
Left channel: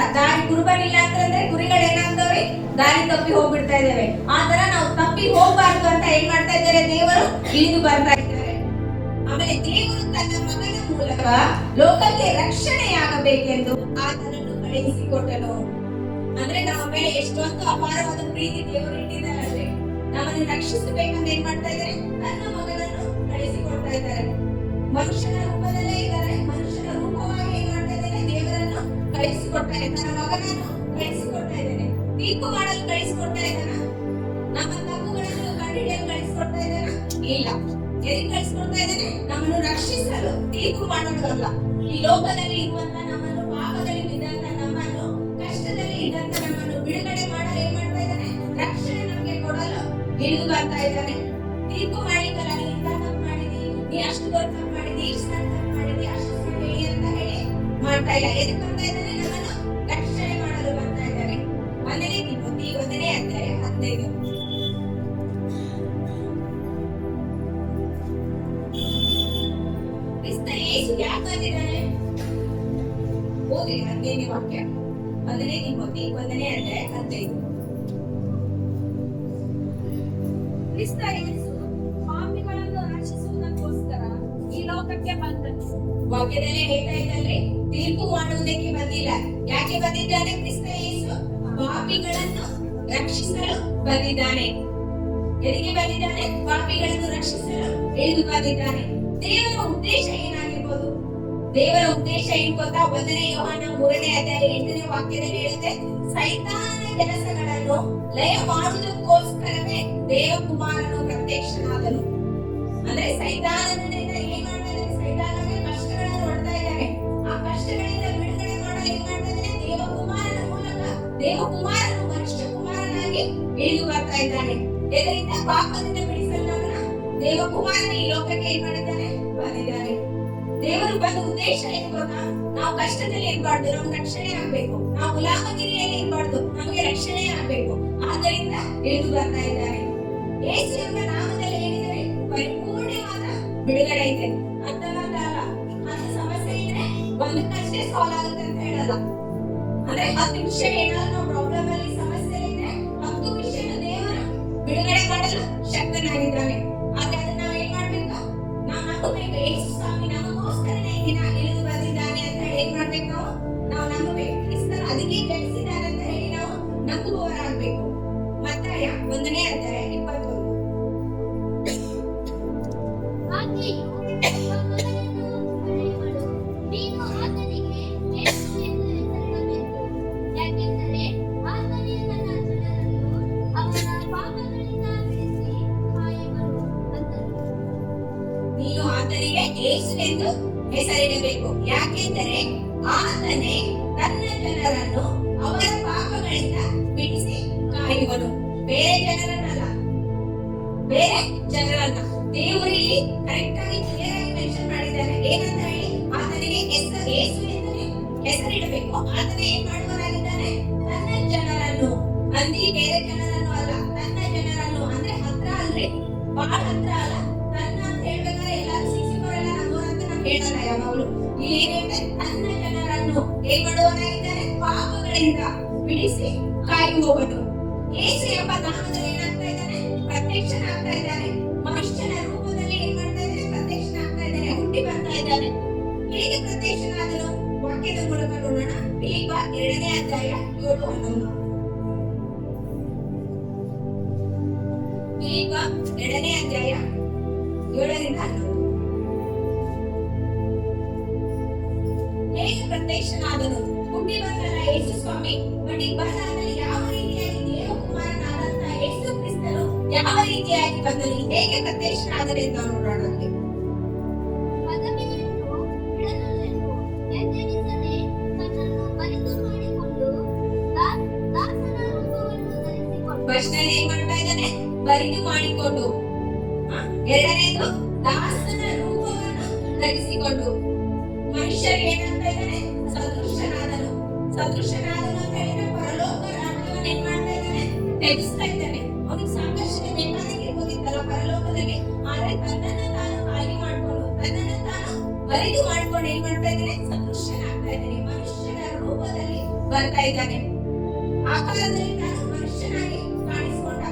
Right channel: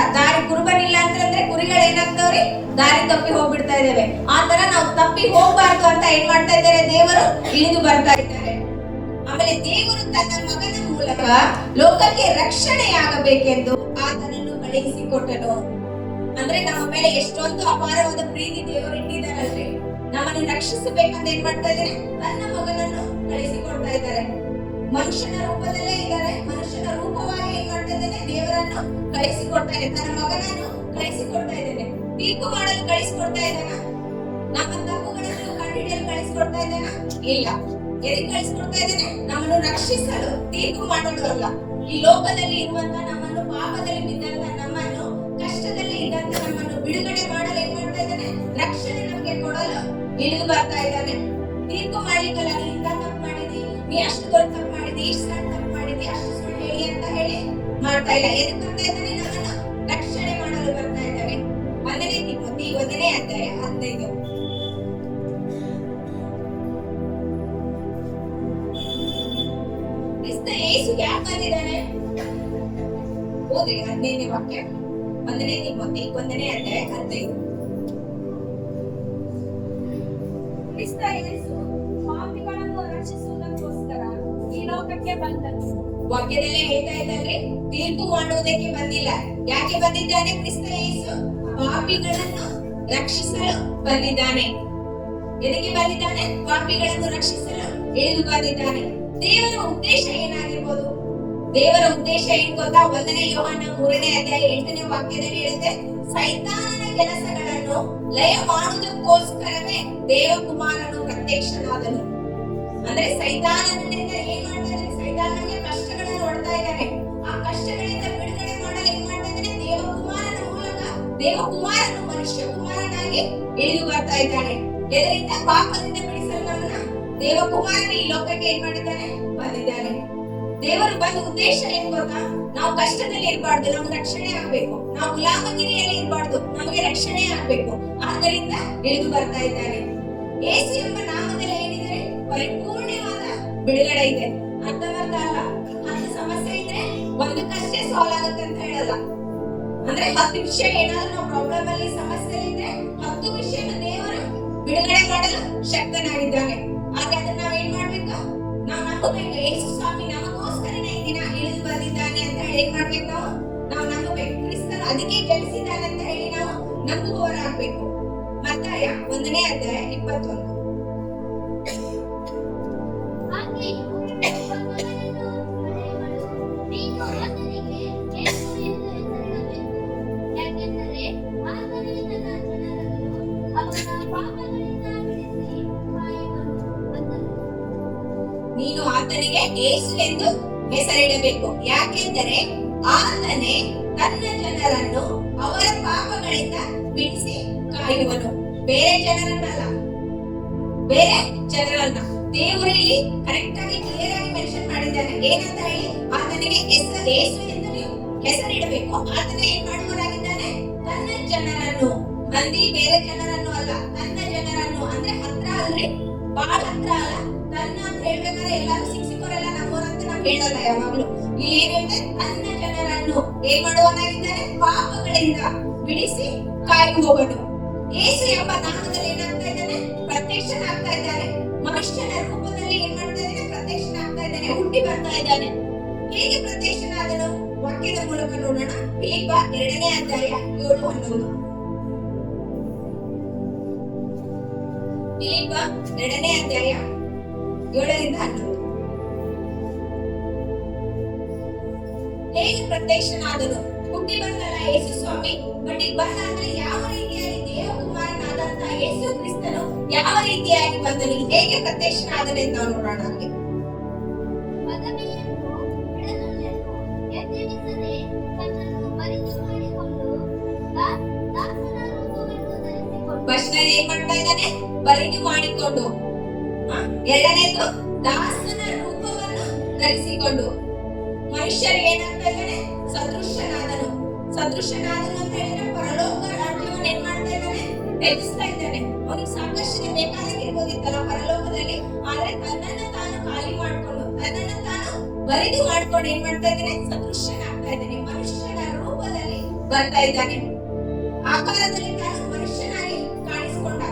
ಕುರುಬನಿಲ್ಲ ಅಂತಂದ್ರೆ ಕುರಿಗಳು ಏನಾಗ್ತಾವ್ರಿ? ದಾರಿ ತಪ್ಪಿ ಹೋಗ್ಬಿಡ್ತಾ ಇದ್ದೇವೆ. ಆ ತರ ನಾವು ತಪ್ಪಿ ಹೋಗ್ಬಾರ್ದು ಅಂತ ಏನ್ ಮಾಡ್ತಾ ಇದ್ದಾರೆ? ದೇವರು ಇಳಿದು ಬರ್ತಾ ಇದ್ದಾರೆ. ಆಮೇಲೆ ದೇವರು ತನ್ನ ಮಗನ ಮೂಲಕ ಲೋಕಕ್ಕೆ ರಕ್ಷಣೆಯಾಗಬೇಕೆಂದು ಆತನನ್ನು ಕಳುಹಿಸಿಕೊಟ್ಟನು. ಅಂದ್ರೆ ನಮ್ಮ ಮೇಲೆ ಎಷ್ಟೊಂದು ಅಪಾರವಾದ ಪ್ರೀತಿ ದೇವರು ಇಟ್ಟಿದ್ದಾರಲ್ರಿ. ನಮ್ಮನ್ನು ರಕ್ಷಿಸಬೇಕಂತ ಏನ್ ಮಾಡ್ತಾ ಇದ್ದಾರೆ? ತನ್ನ ಮಗನನ್ನು ಕಳಿಸಿಕೊಡ್ತಾ ಇದ್ದಾರೆ. ಮನುಷ್ಯನ ರೂಪದಲ್ಲೇ ಇದ್ದಾರೆ. ಮನುಷ್ಯನ ರೂಪವಾಗಿ ಏನ್ ಮಾಡ್ತಾ ಇದ್ದಾನೆ? ದೇವರನ್ನು ಕಳಿಸಿಕೊಡ್ತಾ ಇದ್ದಾನೆ. ತನ್ನ ಮಗನನ್ನು ಕಳಿಸಿಕೊಡ್ತಾ ಇದ್ದಾನೆ. ತೀರ್ಪು ಮಾಡಲು ಕಳಿಸಿಕೊಡ್ತಾ ಇದ್ದಾನ? ನಮ್ಮ ತಪ್ಪುಗಳನ್ನು ಕಂಡುಹಿಡಿಯಲು ಕಳಿಸಿಕೊಡ್ತಾ ಇದ್ದಾನ? ಇಲ್ಲ. ಎದಕ್ಕೆ ಕಳಿಸಿಕೊಡ್ತಾ ಇದ್ದಾನೆ? ನಮ್ಮನ್ನು ರಕ್ಷಿಸಲು, ತೀರ್ಪು ಮಾಡೋದಲ್ಲ. ಈ ಲೋಕದಲ್ಲಿ ಇರುವಂತ ನಮ್ಮನ್ನು, ಪಾಪದಲ್ಲಿ ಬಿದ್ದಂತ ನಮ್ಮನ್ನು, ಕಷ್ಟದಲ್ಲಿ ಇದ್ದಂತ ನಮ್ಮನ್ನು ಬಿಡುಗಡೆ ಮಾಡಲು ಏನ್ ಮಾಡ್ತಾ ಇದ್ದಾನೆ? ರಕ್ಷಣೆ ನಮಗೆ ಕೊಡಲು ಇಳಿದು ಬರ್ತಾ ಇದ್ದಾನೆ. ತೀರ್ಪು ಮಾಡ್ಲಿಕ್ಕಲ್ಲ, ನೀ ಇಂತ ತಪ್ಪು ಮಾಡಿದಿ, ನೀ ಅಷ್ಟು ದೊಡ್ಡ ತಪ್ಪು ಮಾಡಿದಿ, ಇಷ್ಟು ಸಣ್ಣ ತಪ್ಪು ಮಾಡಿದಿ, ಅಷ್ಟು ಸುಳ್ಳು ಹೇಳಿ ಅಂತ ಹೇಳಿ ಮಾಡ್ತಾ ಇಲ್ಲ. ಎದಕ್ಕೆ ಬರ್ತಾ ಇದ್ದಾನೆ? ನಮ್ಮನ್ನು ರಕ್ಷಣೆ ಮಾಡಲು ಬರ್ತಾ ಇದ್ದಾನೆ. 1ನೇ ತಿಮೋಥಿ 1ನೇ ಅಧ್ಯಾಯ 15. ಕ್ರಿಸ್ತ ಯೇಸು ಯಾಕೆ ಬಂದಿದ್ದಾನೆ? ಓದಿ 15ನೇ ವಾಕ್ಯ. 1ನೇ ತಿಮೋಥಿ 1ನೇ ಅಧ್ಯಾಯ 15. ಕ್ರಿಸ್ತ ಯೇಸು ಪಾಪಿಗಳನ್ನು ರಕ್ಷಿಸುವುದಕ್ಕೋಸ್ಕರ ಈ ಲೋಕಕ್ಕೆ ಬಂದನು. ವಾಕ್ಯದಲ್ಲೇ ಹೇಳ್ತಾ ಇದ್ದಾರೆ, ತೀರ್ಪು ಮಾಡುವುದಕ್ಕೆ ಬಂದಿಲ್ಲ. ಯಾಕೆ ಬಂದಿದ್ದಾನೆ? ಕ್ರಿಸ್ತ ಯೇಸು ಪಾಪಿಗಳನ್ನು ರಕ್ಷಿಸಲು ಬಂದಿದ್ದಾನೆ. ಎದಕ್ಕೆ ಬಂದಿದ್ದಾನೆ? ಪಾಪಿಗಳನ್ನು ರಕ್ಷಿಸಲು ಇಳಿದು ಬಂದಿದ್ದಾನೆ. ದೇವರ ಉದ್ದೇಶ ಏನಾಗಿರ್ಬೋದು? ದೇವರ ಉದ್ದೇಶ ಏನ್ ಗೊತ್ತಾ? 1ನೇ ಯೋಹಾನ 3ನೇ ಅಧ್ಯಾಯ 8ನೇ ವಾಕ್ಯದಲ್ಲಿ ಹೇಳುತ್ತೆ, ಸೈತಾನನ ಕೆಲಸಗಳನ್ನು ಲಯ ಮಾಡುವುದಕ್ಕೋಸ್ಕರವೇ ದೇವಕುಮಾರನು ಪ್ರತ್ಯಕ್ಷನಾದನು. ಅಂದ್ರೆ ಸೈತಾನನಿಂದ ಏನ್ ಮಾಡ್ತಾ ಇದ್ದಾನೆ? ಸೈತಾನನಿಗೆ ಕಷ್ಟಗಳನ್ನು ನೋಡ್ತಾ ಇದ್ದಾನೆ. ಆ ಕಷ್ಟಗಳಿಂದ ಬಿಡುಗಡೆ ಮಾಡಲು ಏನ್ ಮಾಡ್ತಾ ಇದ್ದಾನೆ? ದೇವಕುಮಾರನ ಮೂಲಕ ದೇವಕುಮಾರನು ಮನುಷ್ಯ ಕುಮಾರನಾಗಿ ಇಳಿದು ಬರ್ತಾ ಇದ್ದಾನೆ. ಇದರಿಂದ ಪಾಪದಿಂದ ಬಿಡಿಸಲು ನಮ್ಮನ್ನ ದೇವಕುಮಾರನ ಈ ಲೋಕಕ್ಕೆ ಏನ್ ಮಾಡಿದ್ದಾನೆ? ಬಂದಿದ್ದಾನೆ. ದೇವರು ಬಂದ ಉದ್ದೇಶ ಏನ್ ಗೊತ್ತಾ? ನಾವು ಕಷ್ಟದಲ್ಲಿ ಇರಬಾರ್ದು, ನಮ್ಗೆ ರಕ್ಷಣೆ ಆಗ್ಬೇಕು. ನಾವು ಗುಲಾಮಗಿರಿಯಲ್ಲಿ ಇರಬಾರ್ದು, ನಮಗೆ ರಕ್ಷಣೆ ಆಗ್ಬೇಕು. ಆದ್ದರಿಂದ ಇಳಿದು ಬರ್ತಾ ಇದ್ದಾನೆ. ಯೇಸು ಎಂಬ ನಾಮದಲ್ಲಿ ಏನಿದೆ? ಪರಿಪೂರ್ಣವಾದ ಬಿಡುಗಡೆ ಇದೆ. ಅಂತ ಒಂದಕ್ಕಷ್ಟೇ ಸಾಲ್ವ್ ಆಗುತ್ತೆ ಅಂತ ಹೇಳಲ್ಲ. ಅಂದ್ರೆ 10 ವಿಷಯ ಏನಾದ್ರು ಪ್ರಾಬ್ಲಮ್ ಅಲ್ಲಿ ಸಮಸ್ಯೆ ಇದ್ರೆ 10 ವಿಷಯನ ದೇವರು ಬಿಡುಗಡೆ ಮಾಡಲು ಶಕ್ತನಾಗಿದ್ದಾನೆ. ಆದ್ರೆ ಅದನ್ನ ನಾವ್ ಏನ್ ಮಾಡ್ಬೇಕು? ನಾವು ನಂಬಬೇಕು. ಯೇಸು ಸ್ವಾಮಿ ನಮಗೋಸ್ಕರನೇ ಈ ದಿನ ಇಳಿದು ಬಂದಿದ್ದಾನೆ ಅಂತ ಹೇಳಿ ಏನ್ ಮಾಡ್ಬೇಕು? ನಾವು ನಂಬಬೇಕು. ಕ್ರಿಸ್ತನು ಅದಕ್ಕೆ ಜನಿಸಿದ್ದಾನೆ ಅಂತ ಹೇಳಿ ನಾವು ನಂಬುವವರಾಗಬೇಕು. ಮತ್ತಾಯ 1ನೇ ಅಧ್ಯಾಯ 21. ಆಕೆಯು ಪರ್ವತವನ್ನು ಹೊಡೆಯುವಳು. ನೀನು ಆತನಿಗೆ ಯೇಸು ಎಂದು ಹೆಸರಿಡಬೇಕು. ಯಾಕೆಂದರೆ ಆತನೇ ತನ್ನ ಜನರನ್ನು ಅವರ ಪಾಪಗಳಿಂದ ಬಿಡಿಸಿ ಕಾಯುವನು ಅಂದನು. ನೀನು ಆತನಿಗೆ ಯೇಸು ಎಂದು ಹೆಸರಿಡಬೇಕು. ಯಾಕೆಂದರೆ ಆತನೇ ತನ್ನ ಜನರನ್ನು ಅವರ ಪಾಪಗಳಿಂದ ಬಿಡಿಸಿ ಕಾಯುವನು. ಬೇರೆ ಜನರನ್ನಲ್ಲ, ಬೇರೆ ಜನರನ್ನ ದೇವರು ಇಲ್ಲಿ ಕರೆಕ್ಟ್ ಆಗಿ ಕ್ಲಿಯರ್ ಆಗಿ ಮೆನ್ಷನ್ ಮಾಡಿದ್ದಾನೆ. ಏನಂತ ಹೇಳಿ? ಆತನಿಗೆ ಯೇಸು ಎಂದು ಹೆಸರಿಡಬೇಕು. ಆತನೇ ಏನ್ ಮಾಡುವರಾಗಿದ್ದಾನೆ? ತನ್ನ ಜನರನ್ನು. ಮಂದಿ ಬೇರೆ ಜನರನ್ನು ಅಲ್ಲ, ತನ್ನ ಜನರನ್ನು. ಅಂದ್ರೆ ಹತ್ರ ಅಲ್ರಿ, ಬಹಳ ಹತ್ರ ಅಲ್ಲ. ತನ್ನ ಅಂತ ಹೇಳ್ಬೇಕಾದ್ರೆ ಎಲ್ಲಾರು ಸಿಕ್ಸಿಕೋರೆಲ್ಲ ನಮ್ಮೋರಂತ ನಾವ್ ಹೇಳಲ್ಲ ಯಾವಾಗ್ಲೂ. ಇಲ್ಲಿ ಏನ್ ಹೇಳ್ತಾರೆ? ತನ್ನ ಜನರನ್ನು ಏನ್ ಮಾಡುವನಾಗಿದ್ದಾನೆ? ಪಾಪಗಳಿಂದ ಬಿಡಿಸಿ ಕಾಯುವವನು. ಯೇಸು ಎಂಬ ನಾಮದಲ್ಲಿ ಏನಾಗ್ತಾ ಇದ್ದಾನೆ? ಪ್ರತ್ಯಕ್ಷನಾಗ್ತಾ ಇದ್ದಾನೆ. ಮನುಷ್ಯನ ರೂಪದಲ್ಲಿ ಏನ್ ಮಾಡ್ತಾ ಇದ್ದಾನೆ? ಪ್ರತ್ಯಕ್ಷನಾಗ್ತಾ ಇದ್ದಾನೆ, ಹುಟ್ಟಿ ಬರ್ತಾ ಇದ್ದಾನೆ. ಹೇಗೆ ಪ್ರತ್ಯಕ್ಷನಾದನು? ವಾಕ್ಯದ ಮೂಲಕ ನೋಡೋಣ. ಫಿಲಿಪ್ಪ 2ನೇ ಅಧ್ಯಾಯ 7-11. ಫಿಲಿಪ್ಪ 2ನೇ ಅಧ್ಯಾಯ 7-11. ಹೇಗೆ ಪ್ರತ್ಯಕ್ಷನಾದನು? ಹುಟ್ಟಿ ಬಂದಲ್ಲ ಯೇಸು ಸ್ವಾಮಿ, ಬಟ್ ಈಗ ಬಂದಾದ್ರೆ ಯಾವ ರೀತಿಯಾಗಿ ದೇವಕುಮಾರನಾದಂತ ಯೇಸು ಕ್ರಿಸ್ತನು ಯಾವ ರೀತಿಯಾಗಿ ಬಂದನು, ಹೇಗೆ ಪ್ರತ್ಯಕ್ಷನಾದನು ಎಂದು ನಾವು ನೋಡೋಣ. ಪದವಿಯನ್ನು ಬಿಡದಲ್ಲೆಂದು ಎಚ್ಚರಿಸದೆ ತನ್ನನ್ನು ಬರಿದು ಮಾಡಿಕೊಂಡು ದಾಸನ ರೂಪವನ್ನು ಧರಿಸಿಕೊಂಡು. ಫಸ್ಟ್ನಲ್ಲಿ ಏನ್ ಮಾಡ್ತಾ ಇದ್ದಾನೆ? ಬರಿದು ಮಾಡಿಕೊಂಡು. ಎರಡನೇದು ದಾಸನ ರೂಪವನ್ನು ಧರಿಸಿಕೊಂಡು. ಮನುಷ್ಯರಿಗೆ ಏನಾಗ್ತಾ ಇದ್ದಾನೆ? ಸದೃಶನಾದನು. ಸದೃಶನಾದನು ಅಂತ ಹೇಳಿದ್ರೆ ಪರಲೋಕ ರಾಜ್ಯವನ್ನು ಏನ್ ಮಾಡ್ತಾ ಇದ್ದಾನೆ? ತ್ಯಜಿಸ್ತಾ ಇದ್ದಾನೆ. ಅವನಿಗೆ ಸಾಕಷ್ಟು ಬೇಕಾಗಿರ್ಬೋದಿತ್ತಲ್ಲ ಪರಲೋಕದಲ್ಲಿ. ಆದ್ರೆ ತನ್ನನ್ನು ತಾನು ಖಾಲಿ ಮಾಡ್ಕೊಂಡು, ತನ್ನನ್ನು ತಾನು ಬರಿದು ಮಾಡ್ಕೊಂಡು ಏನ್ ಮಾಡ್ತಾ ಇದ್ದಾನೆ? ಸದೃಶನಾಗ್ತಾ ಇದ್ದಾನೆ. ಮನುಷ್ಯನ ರೂಪದಲ್ಲಿ ಬರ್ತಾ ಇದ್ದಾನೆ. ಆಕಾರದಲ್ಲಿ ತಾನು ಮನುಷ್ಯನಾಗಿ ಕಾಣಿಸ್ಕೊಂಡ.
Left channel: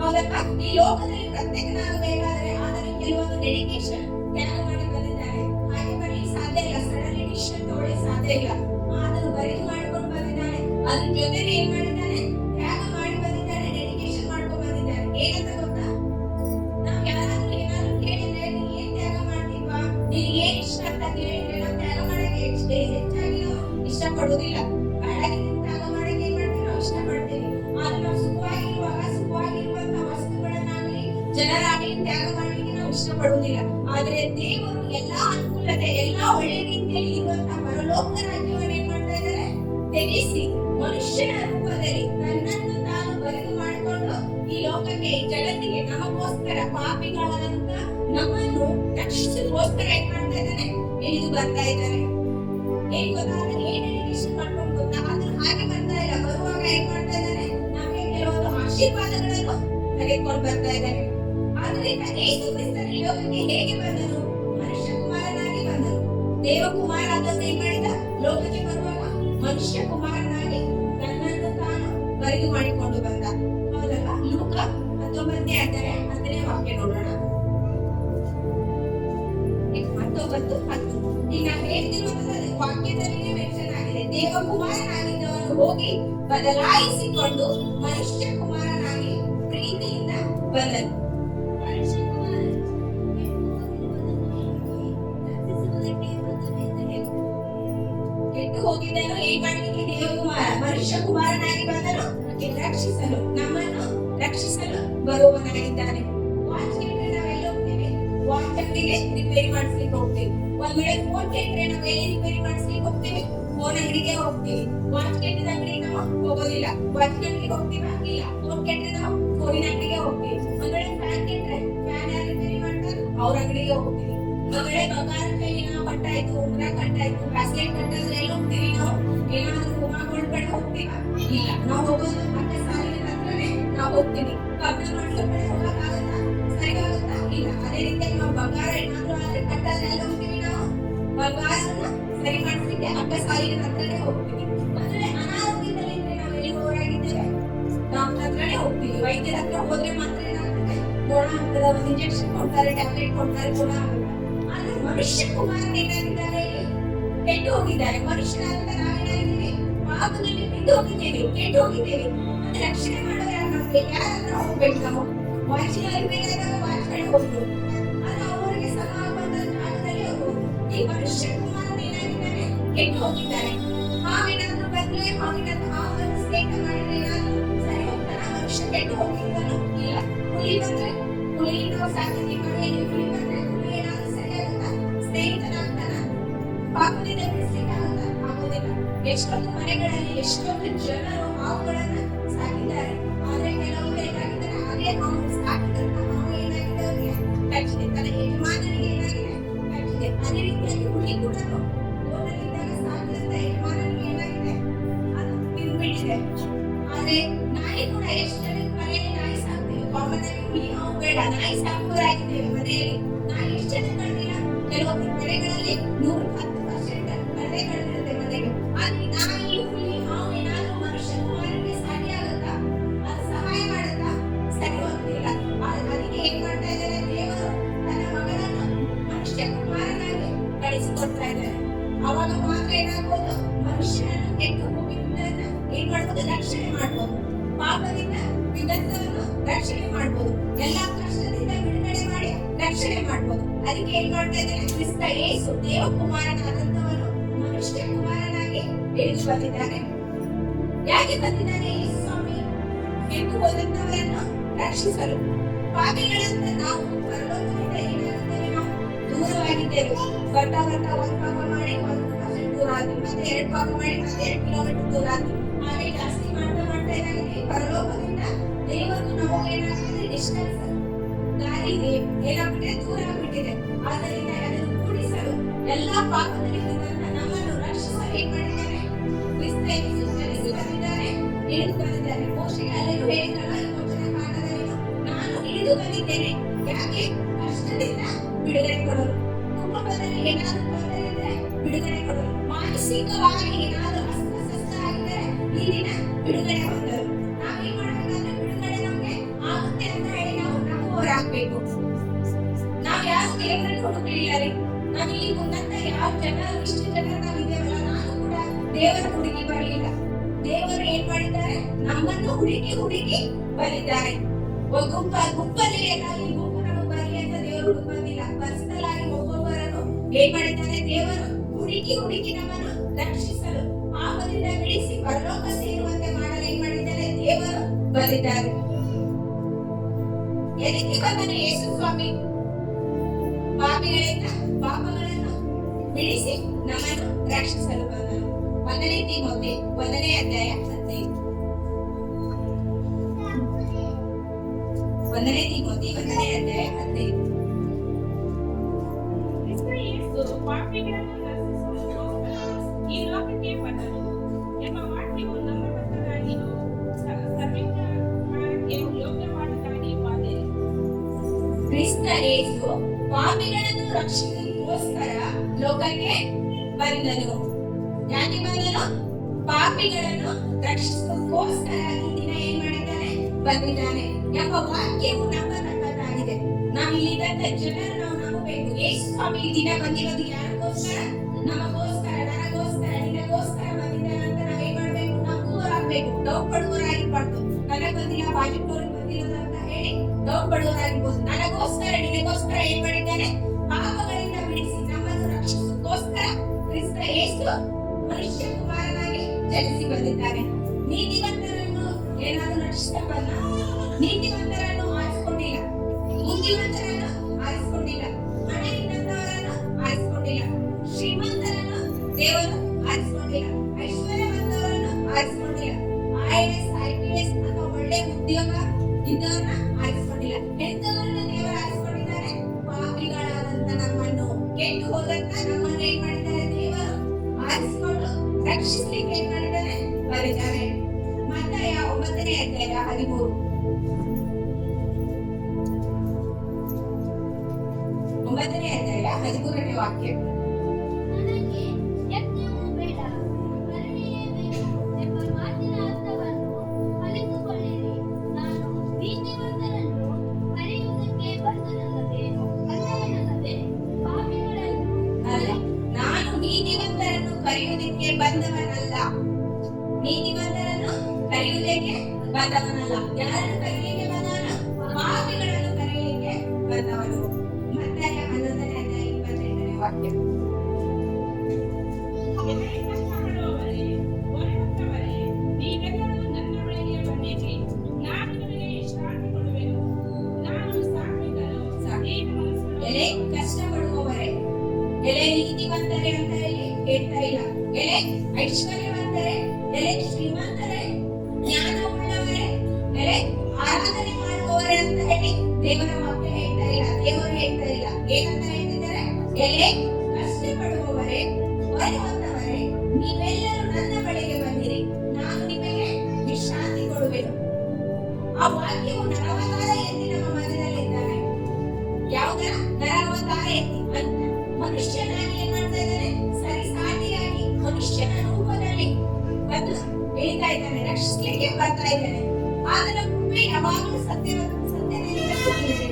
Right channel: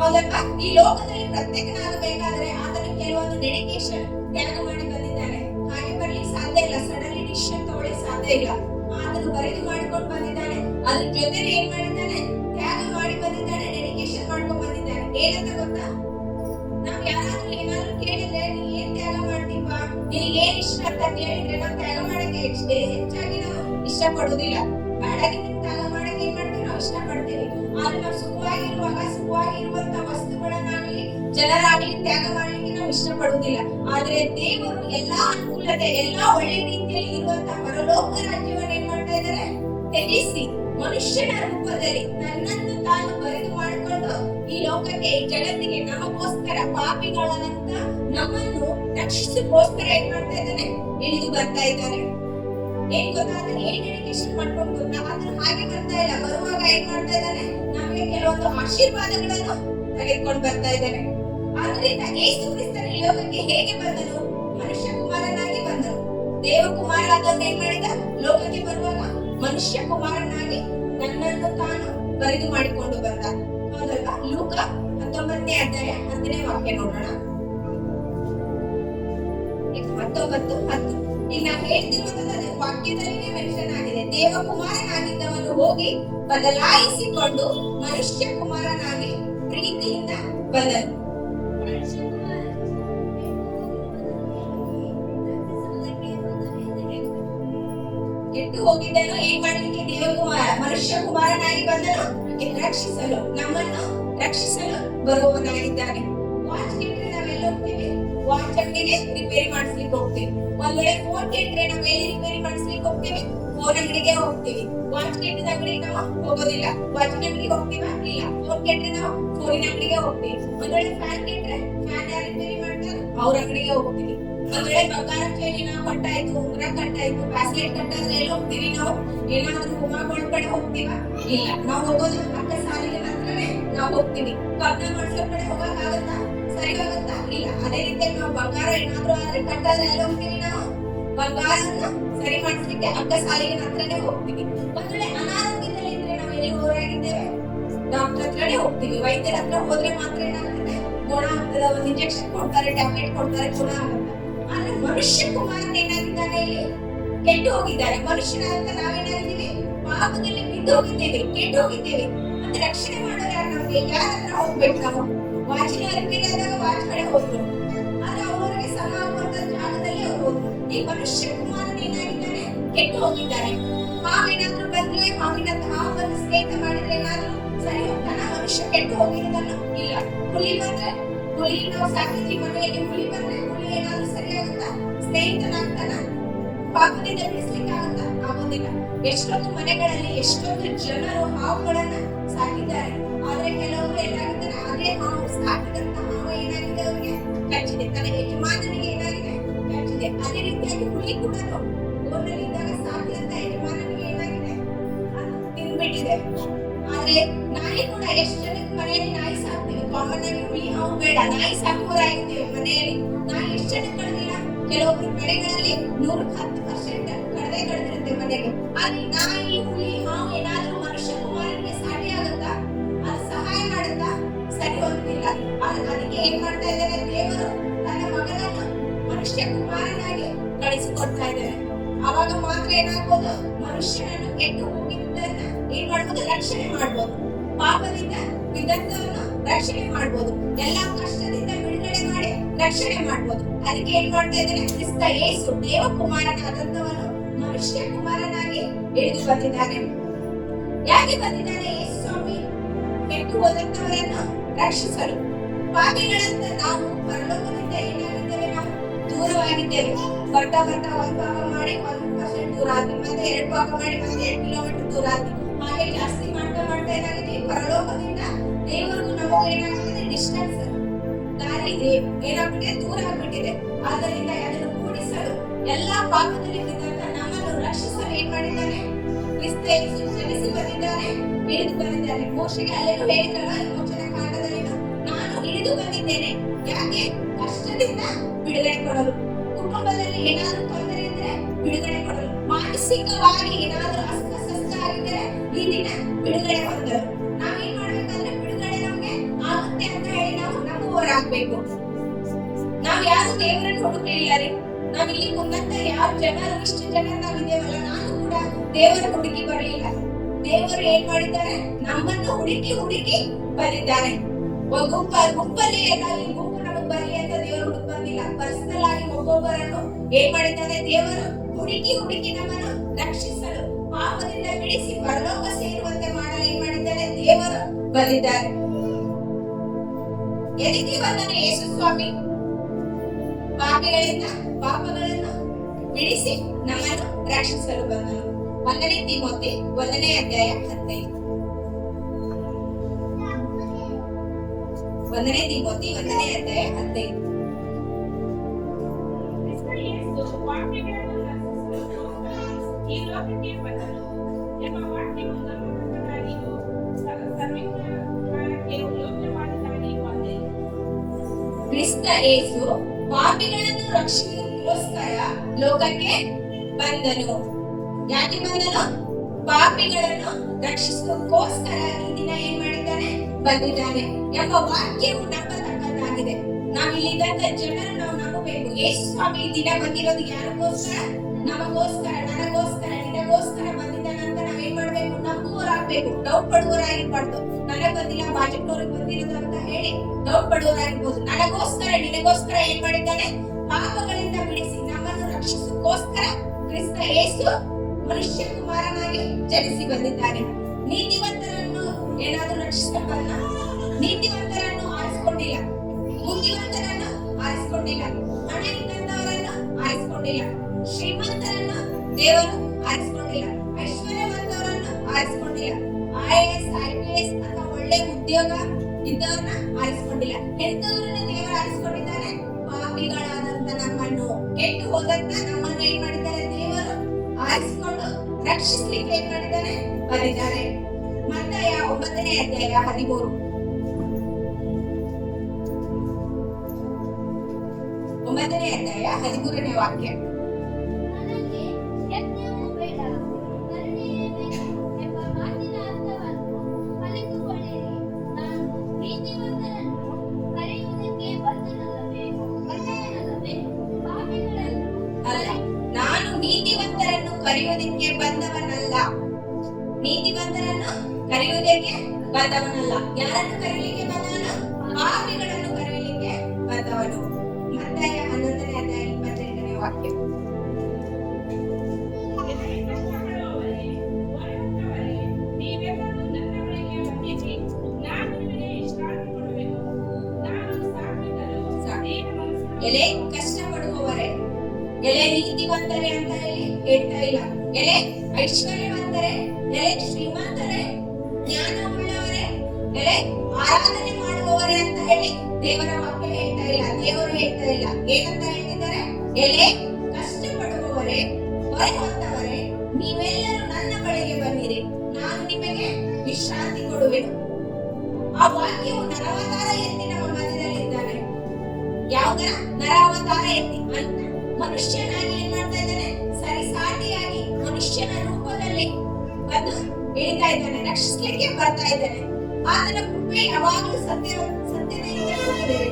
ಹೌದಪ್ಪ? ಈ ಲೋಕದಲ್ಲಿ ಪ್ರತ್ಯೇಕನಾಗಬೇಕಾದ್ರೆ ಆತನು ಕೆಲವೊಂದು ಡೆಡಿಕೇಶನ್ ತ್ಯಾಗ ಮಾಡಿ ಬಂದಿದ್ದಾನೆ. ಹಾಗೆ ಬರ್ಲಿಕ್ಕೆ ಸಾಧ್ಯ ಇಲ್ಲ. ಸಡನ್ಲಿ ಡಿಸಿಷನ್ ತಗೊಳ್ಳಿಕ್ಕೆ ಸಾಧ್ಯ ಇಲ್ಲ. ಆತನು ಬರಿದು ಮಾಡ್ಕೊಂಡು ಬಂದಿದ್ದಾನೆ. ಅದ್ರ ಜೊತೆ ಏನ್ ಮಾಡಿದ್ದಾನೆ? ತ್ಯಾಗ ಮಾಡಿ ಬಂದಿದ್ದಾನೆ, ಡೆಡಿಕೇಶನ್ ಮಾಡ್ಕೊಂಡು ಬಂದಿದ್ದಾನೆ. ಏನಂತ ಗೊತ್ತಾ? ನಾವ್ ಯಾರಾದ್ರೂ ಏನಾದ್ರು ಕೇಳಿದ್ರೆ ನೀ ಏನ್ ತ್ಯಾಗ ಮಾಡ್ತೀವ, ನಿನಗೆ ಏನ್ ಇಷ್ಟ ಅಂತ ಕೇಳಿದ್ರೆ ನಾವು ತ್ಯಾಗ ಮಾಡಕ್ಕೆ ಹೆಚ್ಚಾಗಿ ನಾವು ಇಷ್ಟ ಪಡುವುದಿಲ್ಲ. ಬೇಡಾಗಿ ತ್ಯಾಗ ಮಾಡಕ್ಕೆ ಏನ್ ಮಾಡ್ತೀವಿ? ನಾವು ಇಷ್ಟ ಪಡ್ತೀವಿ. ಆದ್ರೆ ನಾವು ಸುಖವಾಗಿರುವಂತ ವಸ್ತುಗಳನ್ನಾಗಲಿ ಜನರಾಗಲಿ ತ್ಯಾಗ ಮಾಡ್ಲಿಕ್ಕೆ ನಾವು ಇಷ್ಟ ಪಡುವುದಿಲ್ಲ. ಆದ್ರೆ ದೇವರು ಎಲ್ಲಾ ಅನುಕೂಲತೆ, ಎಲ್ಲಾ ಒಳ್ಳೆ ರೀತಿಯಲ್ಲಿ ಇರುವಂತಹ ಪರಲೋಕ ರಾಜ್ಯವನ್ನು ಏನ್ ಮಾಡ್ತಾ ಇದ್ದಾರೆ? ತ್ಯಜಿಸಿ ಮನುಷ್ಯನ ರೂಪದಲ್ಲಿ ತನ್ನನ್ನು ತಾನು ಬರೆದು ಮಾಡಿಕೊಂಡು ಈ ಲೋಕಕ್ಕೆ, ಈ ಜಗತ್ತಿಗೆ ನಮಗೋಸ್ಕರ, ಪಾಪಿಗಳಂತ ನಮ್ಮನ್ನು ರಕ್ಷಿಸೋಸ್ಕರ ಏನ್ ಮಾಡ್ತಾ ಇದ್ದಾನೆ? ಇಳಿದು ಬರ್ತಾ ಇದ್ದಾನೆ. ಏನ್ ಗೊತ್ತಾದ್ರೆ ಏನ್ ಡೆಡಿಕೇಶನ್ ಮಾಡ್ಕೊಂಡು ಗೊತ್ತಾ? ಆದ್ರೆ ಹಾಗೆ ಬರ್ತಾ ಇಲ್ಲ. ಬರುವಾಗ ಏನ್ ಮಾಡ್ತಾ ಇದ್ದಾನೆ? ನಮಗೆ ಕೆಲವೊಂದು ಆಶೀರ್ವಾದಗಳನ್ನು ತೆಗೆದುಕೊಂಡು ಬರ್ತಾ ಇದ್ದಾನೆ. ಆದ್ರಿಂದ ಯೇಸು ಕ್ರಿಸ್ತನ ಈ ಲೋಕಕ್ಕೆ ಹೇಗೆ ಬಂದನು? ಮನುಷ್ಯ ಕುಮಾರನಾಗಿ ಬಂದನು. ದೇವಕುಮಾರ ಅದನ್ನು ಏನ್ ಮಾಡಿದ? ಲೋಕಕ್ಕೆ ಬರುವಾಗ ಮನುಷ್ಯ ಕುಮಾರನಾಗಿ ನನ್ನನ್ನು ತಾನು ಬರಿದು ಮಾಡಿಕೊಂಡು ಬಂದ. ಹೌದಲ್ವಾ? ಲೂಕ 19ನೇ ಅಧ್ಯಾಯ 10ನೇ ವಾಕ್ಯ ನೋಡೋಣ. 19:10. ಈಗ ನಾವು ಹೇಳ್ತಿರುವಂತದ್ದು ವಾಕ್ಯದಲ್ಲಿ ಮೆನ್ಷನ್ ಆಗಿದೆ. ದೇವಕುಮಾರನಾಗಿದ್ದವನು ಹೋಗಿ ಬದಲಾಯಿಸಿಕೊಂಡು ಮನುಷ್ಯ ಕುಮಾರನಾಗಿ ಪ್ರೀತಿಯಿಂದ ಬಂದನು. ಕೆಟ್ಟು ಹೋಗಿದ್ದನು ಏನ್ ಮಾಡ್ಲಿಕ್ಕೆ? ದೇವಕುಮಾರ ಮನುಷ್ಯ ಕುಮಾರನಾಗಿ ಬಂದನು ರಕ್ಷಿಸಲು, ನಮ್ಮನ್ನು ರಕ್ಷಿಸಲು ಬರುವವನಾಗಿದ್ದಾನೆ. ವಾಚ್ ಕೆಟ್ಟರೆ ನಾವೆಲ್ಲ ಹೋಗ್ತೀವಿ? ವಾಚ್ ಅಂಗಡಿಗೆ ರಿಪೇರಿ ಮಾಡಿಸ್ಲಿಕ್ಕೆ ಹೋಗ್ತೀವಿ. ಒಂದ್ ವೇಳೆ ಫೋನ್ ಕೆಟ್ಟರೆ ನಾವು ಎಲ್ಲಿ ರಿಪೇರಿ ಮಾಡಿಸ್ಲಿಕ್ಕೆ ಹೋಗ್ತೀವಿ? ಫೋನ್ ಅಂಗಡಿಗೆ ಹೋಗ್ತೀವಿ. ವಾಚ್ ಕೆಟ್ಟಿದ ಅಂಗಡಿಗೆ ನಾವು ಹೋಗೋದಿಲ್ಲ. ವಾಚ್ ಅಂಗಡಿಗೆ ಹೋಗ್ತೀವ? ಇಲ್ಲ. ಫೋನ್ ಕೆಟ್ಟರೆ ನಾವು ಫೋನಿನ ಅಂಗಡಿಗೆ ಹೋಗ್ತೀವಿ. ಒಂದ್ ವೇಳೆ ಫ್ಯಾನ್ ಕೆಟ್ಟರೆ ಫ್ಯಾನ್ ಯಾರು ರಿಪೇರಿ ಮಾಡ್ತಾರೆ? ಅವ್ರ ಅಂಗಡಿಗೆ ಹೋಗ್ತೀವಿ. ಒಂದ್ ವೇಳೆ ಬಂಗಾರ ಚೈನಿ ನಾವು ಕಟ್ಟಾಯ್ತು, ಉಂಗುರ ಕಟ್ಟಾಯ್ತು, ಬ್ರಾಸ್ಲೆಟ್ ಕಟ್ಟಾದ್ರೆ ಎಲ್ಲಿ ಹೋಗ್ತೀವಿ? ನಾವು ಏನಾದ್ರು ಹೋಮಗಳ ಕಡೆ ಹೋಗ್ತೀವ? ಇಲ್ಲ. ನಾವು ಹೋಗೋದು ಮತ್ತೆ ಸಾಲಿಗೆ ಹತ್ರನೇ ನಾವು ಹೋಗ್ತೀವಿ. ಕಬ್ಬಣ ಮಾಡಿಸೋ ಕಡೆ ಹೋಗಕ್ಕಾಗತ್ತಾ? ಸರಿ ಆಗುತ್ತಾ? ಇಲ್ಲ. ಅದೇ ರೀತಿ ನಾವು ಬಂಗಾರ ಏನಾದ್ರು ಆದ್ರೆ ಕಟ್ಟಾದ್ರೆ ಎಲ್ಲಿ ಹೋಗ್ತೀವಿ? ನಾವು ಬಂಗಾರನ ಸರಿ ಮಾಡಿಸ್ಲಿಕ್ಕೆ ಅಕ್ಕಸಾಲಿಗನ ಹತ್ರನೇ ಹೋಗ್ತೀವಿ. ಒಂದ್ ವೇಳೆ ಅನಾರೋಗ್ಯದಲ್ಲಿ ಇದ್ರೆ ನಾವು ಎಲ್ಲಿ ಹೋರಾಗಿದ್ದೇವೆ, ಡಾಕ್ಟರ್ ಹತ್ರನೇ ಹೋಗ್ತೀವಿ. ವೈದ್ಯರ ಹತ್ರ ಹೋದ್ರೆ ಮಾತ್ರ ಏನಾಗುತ್ತೆ, ಗುಣ ಆಗ್ತದ, ಒಂದು ಇಂಜೆಕ್ಷನ್ ಕೊಡ್ತಾರೆ, ಟ್ಯಾಬ್ಲೆಟ್ ಕೊಡ್ತಾರೆ, ಗುಣ ಆಗುತ್ತೆ. ಆದ್ರೆ ಮನುಷ್ಯ ಕುಮಾರನ ಏನಾಗಿದ್ದಾನೆ, ಕೆಟ್ಟು ಹೋಗಿದ್ದಾರೆ. ಮನುಷ್ಯನಾದಂತ ನಾವೇನಾಗಿದ್ದೀವಿ, ಪಾಪದಲ್ಲಿ ಬಿದ್ದು ಹೋಗಿದ್ದೇವೆ, ಕೆಟ್ಟು ಹೋಗಿದ್ದೇವೆ. ಮತ್ತೆ ರಕ್ಷಣೆ ಮಾಡೋರು ಯಾರು? ನಮ್ಗೆ ಯಾರ ಹತ್ರ ಹೋಗ್ಬೇಕು? ನಾವು ವಾಚಿನವ್ರಿಗೆ ಬೇಕಾದಾಗ ವಾಚ್ ಕಡೆ ಹೋಗ್ರು, ಆದ್ರೆ ಅವರಿಗೆ ಸಮ ಆಗುವಂತ ಜಾಗದಲ್ಲಿ ಅವರು ಹೋದ್ರು. ಈ ಮನುಷ್ಯ ಕುಮಾರನ ಏನಾಗಿದ್ದಾನೆ, ಕೆಟ್ಟು ಹೋಗಿದ್ದಾರೆ. ಹಾವೇನಾದ್ರೂ ಬಂದ್ರೆ ಹಾವಿನಂತ ಹಾವನ್ನು ಸ್ನೇಹ ಮಾಡಿದ್ರೆ ಏನಾದ್ರು ಸರಿ ಹೋಗ್ತಾನ? ಮನುಷ್ಯ ಕೆಟ್ಟು ಹೋಗಿದ್ದಾನು? ಇಲ್ಲ. ಹುಲಿ ಬಂದ್ರೆ, ಹುಲಿ ನಾವು ಸಾಕಿದ್ವಿ ಮನೆಯಲ್ಲಿ, ಹುಲಿ ಬಂದ್ರೆ ಹುಲಿ ಏನಾದ್ರು ಸರಿ ಆಗುತ್ತಾ? ಸ್ನೇಹಿತನಾಗ್ತಾನ? ಪಾಪದಿಂದ ಬಿಡಿಸ್ಲಿಕ್ಕೆ ಆಗುತ್ತಾ? ಆಗೋದಿಲ್ಲ. ಎಷ್ಟೊಂದು ಮನೆಗಳಲ್ಲಿ ಎಷ್ಟೊಂದು ಜನರು ಹಾವುಗಳನ್ನ ಸಾಕಿದ್ದಾರೆ, ಆದ್ರೆ ಕೆಲವರು ಏನಾಗಿದ್ದಾರೆ, ಅದೇ ಹಾವು ಸಾಕಿದಂತ ಹಾವು ಏನಾಗಿದೆ, ಅವರಿಗೆ ಕಚ್ಚಿದೆ, ತನ್ನ ಯಜಮಾನನಿಗೆ ಏನಾಗಿದೆ, ಕಚ್ಚಿದೆ. ಅದೇ ರೀತಿಯಾಗಿ ಹುಲಿ ಕೂಡ ಊರಲ್ಲಿದ್ದಾಗ ಸಾಕಿದಂತ ಯಜಮಾನನಿಗೆ ಏನಾಗಿದೆ, ಅದು ತಿಂದ್ಬಿಟ್ಟಿದೆ. ಆದ್ರೆ ನಾಯಿ ಕೂಡ ಎಷ್ಟು ಜನಕ್ಕೆ ಮನೆಯಲ್ಲಿ ನಾಯಿ ಸಾಕ್ತೀವಿ, ಕಾಮನ್ ಆಗಿ ಹುಲಿ ಹಾವು ಬೇಡ, ನಾಯಿ ಸಾಕುವುದಾಗಿದ್ದೇವೆ ಮನೆಯಲ್ಲಿ. ನಾಯಿ ಎಷ್ಟು ಜನಕ್ಕೆ ಕಳೆದಿಲ್ಲ, ಕೆಲವೊಬ್ಬರು ಮನೆಗಳಲ್ಲಿ 110% ಕಳೆದೇ ಕಳೆದಿರುತ್ತೆ ಮನೆಗೆ. ಆದ್ರೆ ನಾಯಿ, ಹುಲಿ, ಹಾವು ಏನಾದ್ರೂ ಮನುಷ್ಯ ಕುಮಾರನಿಗೆ ಸಾಟಿ ಆಗುತ್ತಾ? ಅದು ಸಹಾಯ ಮಾಡುತ್ತಾ? ಸರಿ ಹೋಗ್ತಿಲ್ಲ. ಅದಕ್ಕೆ ಏನ್ ಮಾಡ್ತಾ ಇದ್ದಾರೆ, ದೇವರು ತನ್ನ ಮಗನನ್ನು ಮನುಷ್ಯ ಕುಮಾರನಾಗಿ ಕಳಿಸಿಕೊಡ್ತಾ ಇದ್ದಾರೆ. ಅವಾಗ ಮಾತ್ರ ಏನಾಗ್ಬೋದು, ಮನುಷ್ಯನನ್ನು ಕೆಟ್ಟು ಹೋಗಿದ್ದನ್ನ ಏನ್ ಮಾಡ್ಬೋದು, ರಕ್ಷಣೆ ಮಾಡ್ಬೋದು. ಪಾಪದಿಂದ ಬಿದ್ದಂತವನು ರಕ್ಷಣೆ ಮಾಡ್ಬೋದು. ಎಲ್ಲಾ ಕಷ್ಟದಿಂದ ಬಿಡುಗಡೆ ಮಾಡಿ ರಕ್ಷಣೆ ಮಾಡ್ಬೋದು. ಅದಕ್ಕೆ ಏನ್ ಮಾಡ್ತಾ ಇದ್ದಾರೆ, ಕ್ರಿಸ್ತ ಯೇಸು ದೇವಕುಮಾರನಾದಂತವನು ಮನುಷ್ಯ ಕುಮಾರನಾಗಿ ಇಳಿದು ಬಂದಿದ್ದಾನೆ. ಯಾಕೆ ಬಂದಿದ್ದಾನೆ ಯೇಸು ಸ್ವಾಮಿ? ಕೆಟ್ಟು ಹೋದಂತವರನ್ನು ರಕ್ಷಿಸಲು. ಪಾಪಿಗಳಂತ ನಾವು ಪರಲೋಕದಿಂದ ಏನಾಗಿದ್ದೇವೆ, ನಾವು ದೂರವಾಗಿದ್ದೇವೆ. ಘಟ್ಟ ಒಂದು ಭಾಗ ಮಾಡಿ 1% ದೂರ ಆದ್ವಿ, ಮತ್ತೆ 2 ಭಾಗ ಮಾಡಿ ಮತ್ತೆ 2 ಕಿಲೋಮೀಟರ್ ದೂರ ಆದ್ವಿ. ಹಾಗೆ ಜಾಸ್ತಿ ಮಾಡ್ತಾ ಏನಾಗಿದೆ, ಪರಲೋಕದಿಂದ ದೇವರಿಗೂ ನಾವು ಏನಾಗ್ತದೆ, ಡಿಸ್ಟೆನ್ಸ್ ದಾರಿ ಇದೆ, ಏನಾಗ್ಬಿಟ್ಟಿದೆ, ದೂರ ಆಗ್ಬಿಟ್ಟಿದೆ. ಆದ್ದರಿಂದ ಅದನ್ನು ಕೂಡಿಸಲು, ಎಲ್ಲಾ ಪಾಪದಲ್ಲಿ ಬಿದ್ದಂತ ನಮ್ಮನ್ನು ರಕ್ಷಿಸಲು ಏನ್ ಮಾಡಿದ್ದಾನೆ, ಕ್ರಿಸ್ತ ಯೇಸು ಚಲಿಸಿ ಬಂದಿದ್ದಾನೆ, ಇಳಿದು ಬಂದಿದ್ದಾನೆ. ಮೋಶೆಗೆ ಅಲ್ಲೇನು ಹೇಳಿದಲ್ಲ, ಮೋಶನ ಕಾಲದಲ್ಲಿ ನಾನು ಇಳಿದು ಬಂದಿದ್ದೇನೆ. ಯಾಕೆ? ಕಷ್ಟದಿಂದ ಬಿಡುಗಡೆ ಕೊಡಲು. ಕುಟುಂಬದಲ್ಲಿ ಏನಾದರೂ ತೊಂದರೆ ಇದ್ರೆ ಬಿಡುಗಡೆ ಕೊಡಲು. ಮಾನಸಿಕವಾಗಿ ಏನಾದರೂ ಅಸ್ವಸ್ಥ ಆಗಿದ್ರೆ ಇಲ್ಲಿನ ಬಿಡುಗಡೆ ಹೊಂದಲು. ನಾವೇನ್ ಮಾಡ್ಬೇಕಂದ್ರೆ, ಬಿಡುಗಡೆ ನಮ್ಗೆ ಆಗುತ್ತೆ ಅಂತ ಹೇಳಿ ನಾವು ನಂಬುವವರಾಗ್ಬೇಕು. ನಾವ್ ಯಾರು ದೇವರನ್ನು ಹುಡುಕಿಲ್ಲ. ನಾವ್ ಇಲ್ಲಿ ಮುಂದಂತ ಯಾವ ಜನರು, ಇಷ್ಟು ಜನ ನಾವಿದ್ದೇವಲ್ಲ, ನಾನು ಕೂಡ ದೇವರ ಹುಡುಕಿ ಬರಲಿಲ್ಲ. ದೇವರು ಏನ್ ಮಾಡಿದ್ದಾರೆ, ನಮ್ಮನ್ನು ಹುಡುಕಿ ಬಂದಿದ್ದಾರೆ. ಗುಂಪಲ್ಲಿ ಏನಾಗಿ ಗುಂಪು ನಮಗ್ ಬರಲಿ ಅಂತ ದೇವರು ಹುಡುಕ್ ಬಂದಿಲ್ಲ. ಪರ್ಸನಲ್ ಆಗಿ ಒಬ್ಬೊಬ್ಬರನ್ನು ಏನ್ ಮಾಡಿದ್ದಾರೆ, ದೇವರು ಹುಡುಕಿ ನಮ್ಮನ್ನು ರಕ್ಷಿಸಲು, ಪಾಪದಿಂದ ಬಿಡಿಸಿ ಪರಲೋಕ ಸೇರುವಂತೆ ಮಾಡಲು ಏನ್ ಮಾಡಿದ್ದಾರೆ, ದೇವರು ಬಂದಿದ್ದಾರೆ. ಎದಕ್ಕೆ ಬಂದನು ಯೇಸು ಸ್ವಾಮಿ? ಪಾಪಗಳನ್ನು ಬಿಡಿಸಿ ನಮ್ಮನ್ನು ರಕ್ಷಿಸಲು ಬಂದನು. 1 ತಿಮೋಥಿ 1ನೇ ಅಧ್ಯಾಯ 15. 1 ತಿಮೋಥಿ 1ನೇ ಅಧ್ಯಾಯ 15. ಕ್ರಿಸ್ತ ಯೇಸು ಪಾಪಿಗಳನ್ನು ರಕ್ಷಿಸಲು ಈ ಲೋಕಕ್ಕೆ ಬಂದನು ಎಂಬ ವಾಕ್ಯವು ನಂಬತಕ್ಕದ್ದಾಗಿಯೂ ಸರ್ವಜ್ಞಾನಕ್ಕೆ ಯೋಗ್ಯವಾದದ್ದಾಗಿಯೂ ಆಗಿದೆ. ಕ್ರಿಸ್ತ ಯೇಸು ಪಾಪಿಗಳನ್ನು ರಕ್ಷಿಸಲಿಕ್ಕೋಸ್ಕರ ಲೋಕಕ್ಕೆ ಬಂದನು. ಯಾಕೆ ಬಂದನು? ಪಾಪಿಗಳನ್ನು ರಕ್ಷಿಸೋಕ್ಕೋಸ್ಕರ ಈ ದಿನ ಏನ್ ಮಾಡಿದ್ದಾನೆ, ಬಂದಿದ್ದಾನೆ ಎಂಬ ವಾಕ್ಯವು ನಂಬತಕ್ಕದ್ದಾಗಿದೆ. ನಾವು ಇಲ್ಲಿದ್ದಂತ ಜನರು ನಾವು ನಂಬಬೇಕು. ಯೇಸು ಸ್ವಾಮಿ ಈ ದಿನ ಬಂದಿರೋದು ಯಾರಿಗೋಸ್ಕರ? ನಮಗೋಸ್ಕರ, ನನಗೋಸ್ಕರ, ನಿನಗೋಸ್ಕರ ಬಂದಿದ್ದಾನೆ ಅಂತ ನಾವೇನ್ ಮಾಡ್ಬೇಕು, ನಂಬುವರಾಗ್ಬೇಕು. ಡೌಟ್ ಪಡುವವರಾಗಿರ್ಬಾರ್ದು. ನನಗ್ ಬಂದಿಲ್ಲ, ಬಾಜುನವ್ರಿಗೆ ಬಂದಿರೋದು ಅಂತ ಹೇಳಿ ಡೌಟ್ ಪಡುವವರಾಗಿರ್ಬೋದು. ನನಗೋಸ್ಕರ, ನಿನಗೋಸ್ಕರ ಏನ್ ಮಾಡಿದ್ದಾನೆ, ಪಾಪಗಳಿಂದ ಬಿಡಿಸಿ ನಮ್ಮನ್ನು ರಕ್ಷಿಸೋಕ್ಕೋಸ್ಕರ ಕ್ರಿಸ್ತ ಯೇಸು ಮನುಷ್ಯ ಕುಮಾರನಾಗಿ ಜನಿಸಿ ಬಂದಿದ್ದಾನೆ. ನೀತಿವಂತರನ್ನು ಏನಾದರೂ ರಕ್ಷಿಸ್ತಾ ಬಂದ? ನೀತಿವಂತರನ್ನು ಆರಿಸಿಕೊಂಡಿಲ್ಲ, ಬುದ್ಧಿವಂತರನ್ನು ಆರಿಸಿಕೊಂಡಿಲ್ಲ, ಹಣ ಇಲ್ಲದವರನ್ನು ಆರಿಸಿಕೊಂಡಿಲ್ಲ, ಶ್ರೀಮಂತರನ್ನು ದೇವರು ಆರಿಸಿಕೊಂಡಿಲ್ಲ, ಐಶ್ವರ್ಯವಂತವರನ್ನು ಆರಿಸಿಕೊಂಡಿಲ್ಲ, IAS, IPS ಅಥವಾ ಒಳ್ಳೆ ಉದ್ಯೋಗ ಇದ್ದವರನ್ನ ಆರಿಸಿಕೊಂಡಿಲ್ಲ. ಎಂತವರನ್ನ ದೇವರು ಆರಿಸಿಕೊಂಡಿದ್ದಾರೆ? ಪಾಪಿಗಳಾದಂತ ನಮ್ಮನ್ನು, ಕೆಟ್ಟು ಹೋದಂತ ನಮ್ಮನ್ನು ಏನ್ ಮಾಡಿದ್ದಾರೆ, ದೇವರು ಆರಿಸಿಕೊಂಡು ರಕ್ಷಿಸಲಿಕ್ಕೆ ಏನ್ ಮಾಡಿದ್ದಾನೆ, ಬಂದಿದ್ದಾನೆ. ಮತ್ತಾಯ 9ನೇ ಅಧ್ಯಾಯ 13. 9ನೇ ಅಧ್ಯಾಯ 13ನೇ ವಾಕ್ಯ. ನೀತಿವಂತರನ್ನು ಕರೆಯುವುದಕ್ಕೆ ಬಂದವನಲ್ಲ. ನೀತಿವಂತರನ್ನು ಕರೆಯುವುದಕ್ಕೆ ಬಂದವನಲ್ಲ. ಯಾರನ್ನು ಕರೆಯಲಿಕ್ಕೆ ಬಂದವನು? ಪಾಪಿಗಳನ್ನು ಕರೆಯಲಿಕ್ಕೆ ಬಂದವನು. ಮತ್ತಾಯ 11ನೇ ಅಧ್ಯಾಯ 28ನೇ ವಾಕ್ಯ. ಎಲೆ ಕಷ್ಟಪಡುವವರೇ, ಹೊರಟವರೇ, ನೀವೆಲ್ಲರೂ ನನ್ನ ಬಳಿಗೆ ಬನ್ನಿರಿ. ನಾನು ನಿಮಗೆ ವಿಶ್ರಾಂತಿ ಕೊಡುವೆನು. ನಾನು ಸಾತ್ವಿಕನು, ದೀನ ಮನಸ್ಸುಳ್ಳವನು. ಎಲೆ ಕಷ್ಟಪಡುವವರೇ, ಎಲೆ ನೀತಿವಂತರೇ ಅಂತ ಹೇಳಿ ಹೇಳ್ತಾ ಇಲ್ಲ. ಎಲೆ ಐಶ್ವರ್ಯವಂತರೇ, ಎಲೆ ಶ್ರೀಮಂತರೇ, ಜ್ಞಾನವುಳ್ಳವರೇ, ಎಲೆ ಆರಾಧನೆ ಮಾಡುವವರೇ ಅಂತ ಹೇಳಿ ದೇವರ ವಾಕ್ಯ ಹೇಳ್ತಾ ಇಲ್ಲ. ದೇವರು ಹೇಳ್ತಾ ಇಲ್ಲ. ಏನಂತ ಹೇಳ್ತಿದ್ದಾರೆ? ಎಲೆ ಕಷ್ಟಪಡುವವರೇ, ಹೊರಟವರೇ, ನೀವೆಲ್ಲರೂ ನನ್ನ ಬಳಿಗೆ ಬನ್ನಿರಿ, ನಾನು ನಿಮಗೆ ವಿಶ್ರಾಂತಿ ಕೊಡುವೆನು. ಆ ವಾಕ್ಯವು ನರವತಾರ ಎತ್ತಿ ನಮ್ಮ ಮಧ್ಯದಲ್ಲಿದ್ದಾನೆ. ಯಾವುದರ ನರಾವತಾರ ಎತ್ತಿ ಮನುಷ್ಯನಾಗಿ ಏನ್ ಮಾಡ್ತಾ ಇದ್ದಾನೆ? ಸರಿಸಾಟಿಯಾಗಿ ಮನುಷ್ಯನ ರೂಪದಲ್ಲಿ ಬಂದು ಇಳಿತಾ ಇದ್ದಾನೆ, ರಕ್ಷಿಸಲಿಕ್ಕೆ ಬರ್ತಾ ಇದ್ದಾನೆ. ಆತನ ಕೃಪೆ ಯಾವಾಗಲೂ ಸತ್ಯತೆಯಿಂದ ಕೂಡಿದೆ.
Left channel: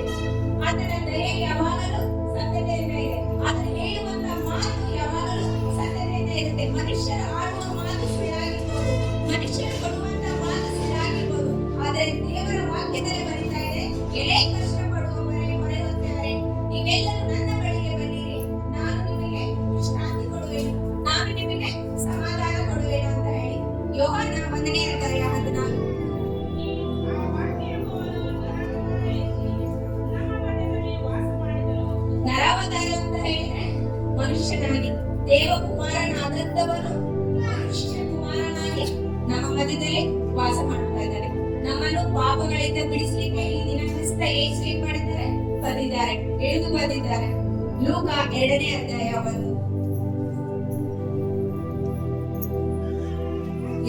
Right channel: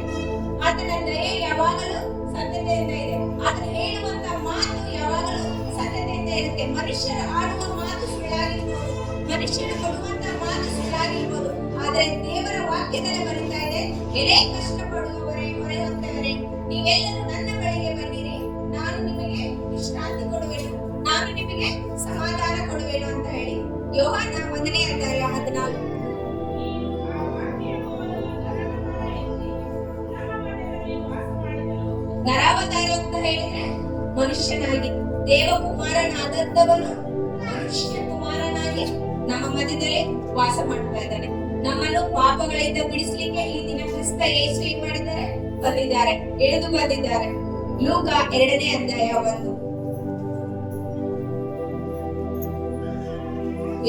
ಆತನ ದಯೆ ಯಾವಾಗಲೂ ಸತ್ಯತೆಯಿಂದ ಇದೆ. ಆತ ಹೇಳುವಂತ ಮಾತು ಯಾವಾಗಲೂ ಸತ್ಯತೆಯಿಂದ ಇರುತ್ತೆ. ಮನುಷ್ಯರ ಆಡುವ ಮಾತು ಸುಳ್ಳಾಗಿರ್ಬೋದು, ಮನುಷ್ಯರು ಕೊಡುವಂತ ಮಾತು ಸುಳ್ಳಾಗಿರ್ಬೋದು, ಆದ್ರೆ ದೇವರ ವಾಕ್ಯದಲ್ಲಿ ಬರೀತಾ ಇದೆ, ಎಲೆ ಕಷ್ಟಪಡುವವರೇ, ಹೊರೆಹೊತ್ತವರೇ, ನೀವೆಲ್ಲರೂ ನನ್ನ ಬಳಿಗೆ ಬನ್ನಿರಿ, ನಾನು ನಿಮಗೆ ವಿಶ್ರಾಂತಿ ಕೊಡುವೆನು, ನಾನು ನಿಮಗೆ ಸಮಾಧಾನ ಕೊಡುವೆನು ಅಂತ ಹೇಳಿ ಯೋಹಾನ 1ನೇ ಅಧ್ಯಾಯ 14. ಆ ವಾಕ್ಯವನ್ನು ನಮ್ಮ ಮಧ್ಯದಲ್ಲಿ ವಾಸ ಮಾಡಿದನು. ನರಾವತಾರ ಅಂತ ಹೇಳಿದ್ರೆ ಮನುಷ್ಯನಾಗಿ, ದೇವಕುಮಾರನಾದದ್ದವನು ಮನುಷ್ಯ ಕುಮಾರನಾಗಿ ನಮ್ಮ ಮಧ್ಯದಲ್ಲಿ ವಾಸ ಮಾಡ್ತಾ ಇದ್ದಾನೆ. ನಮ್ಮನ್ನು ಪಾಪಗಳಿಂದ ಬಿಡಿಸಲಿಕ್ಕೆ ಈ ದಿನ ಕ್ರಿಸ್ತ ಯೇಸು ಏನ್ ಮಾಡಿದ್ದಾರೆ? ಬಂದಿದ್ದಾರೆ, ಇಳಿದು ಬಂದಿದ್ದಾರೆ. ಲೂಕ 2ನೇ ಅಧ್ಯಾಯ 1.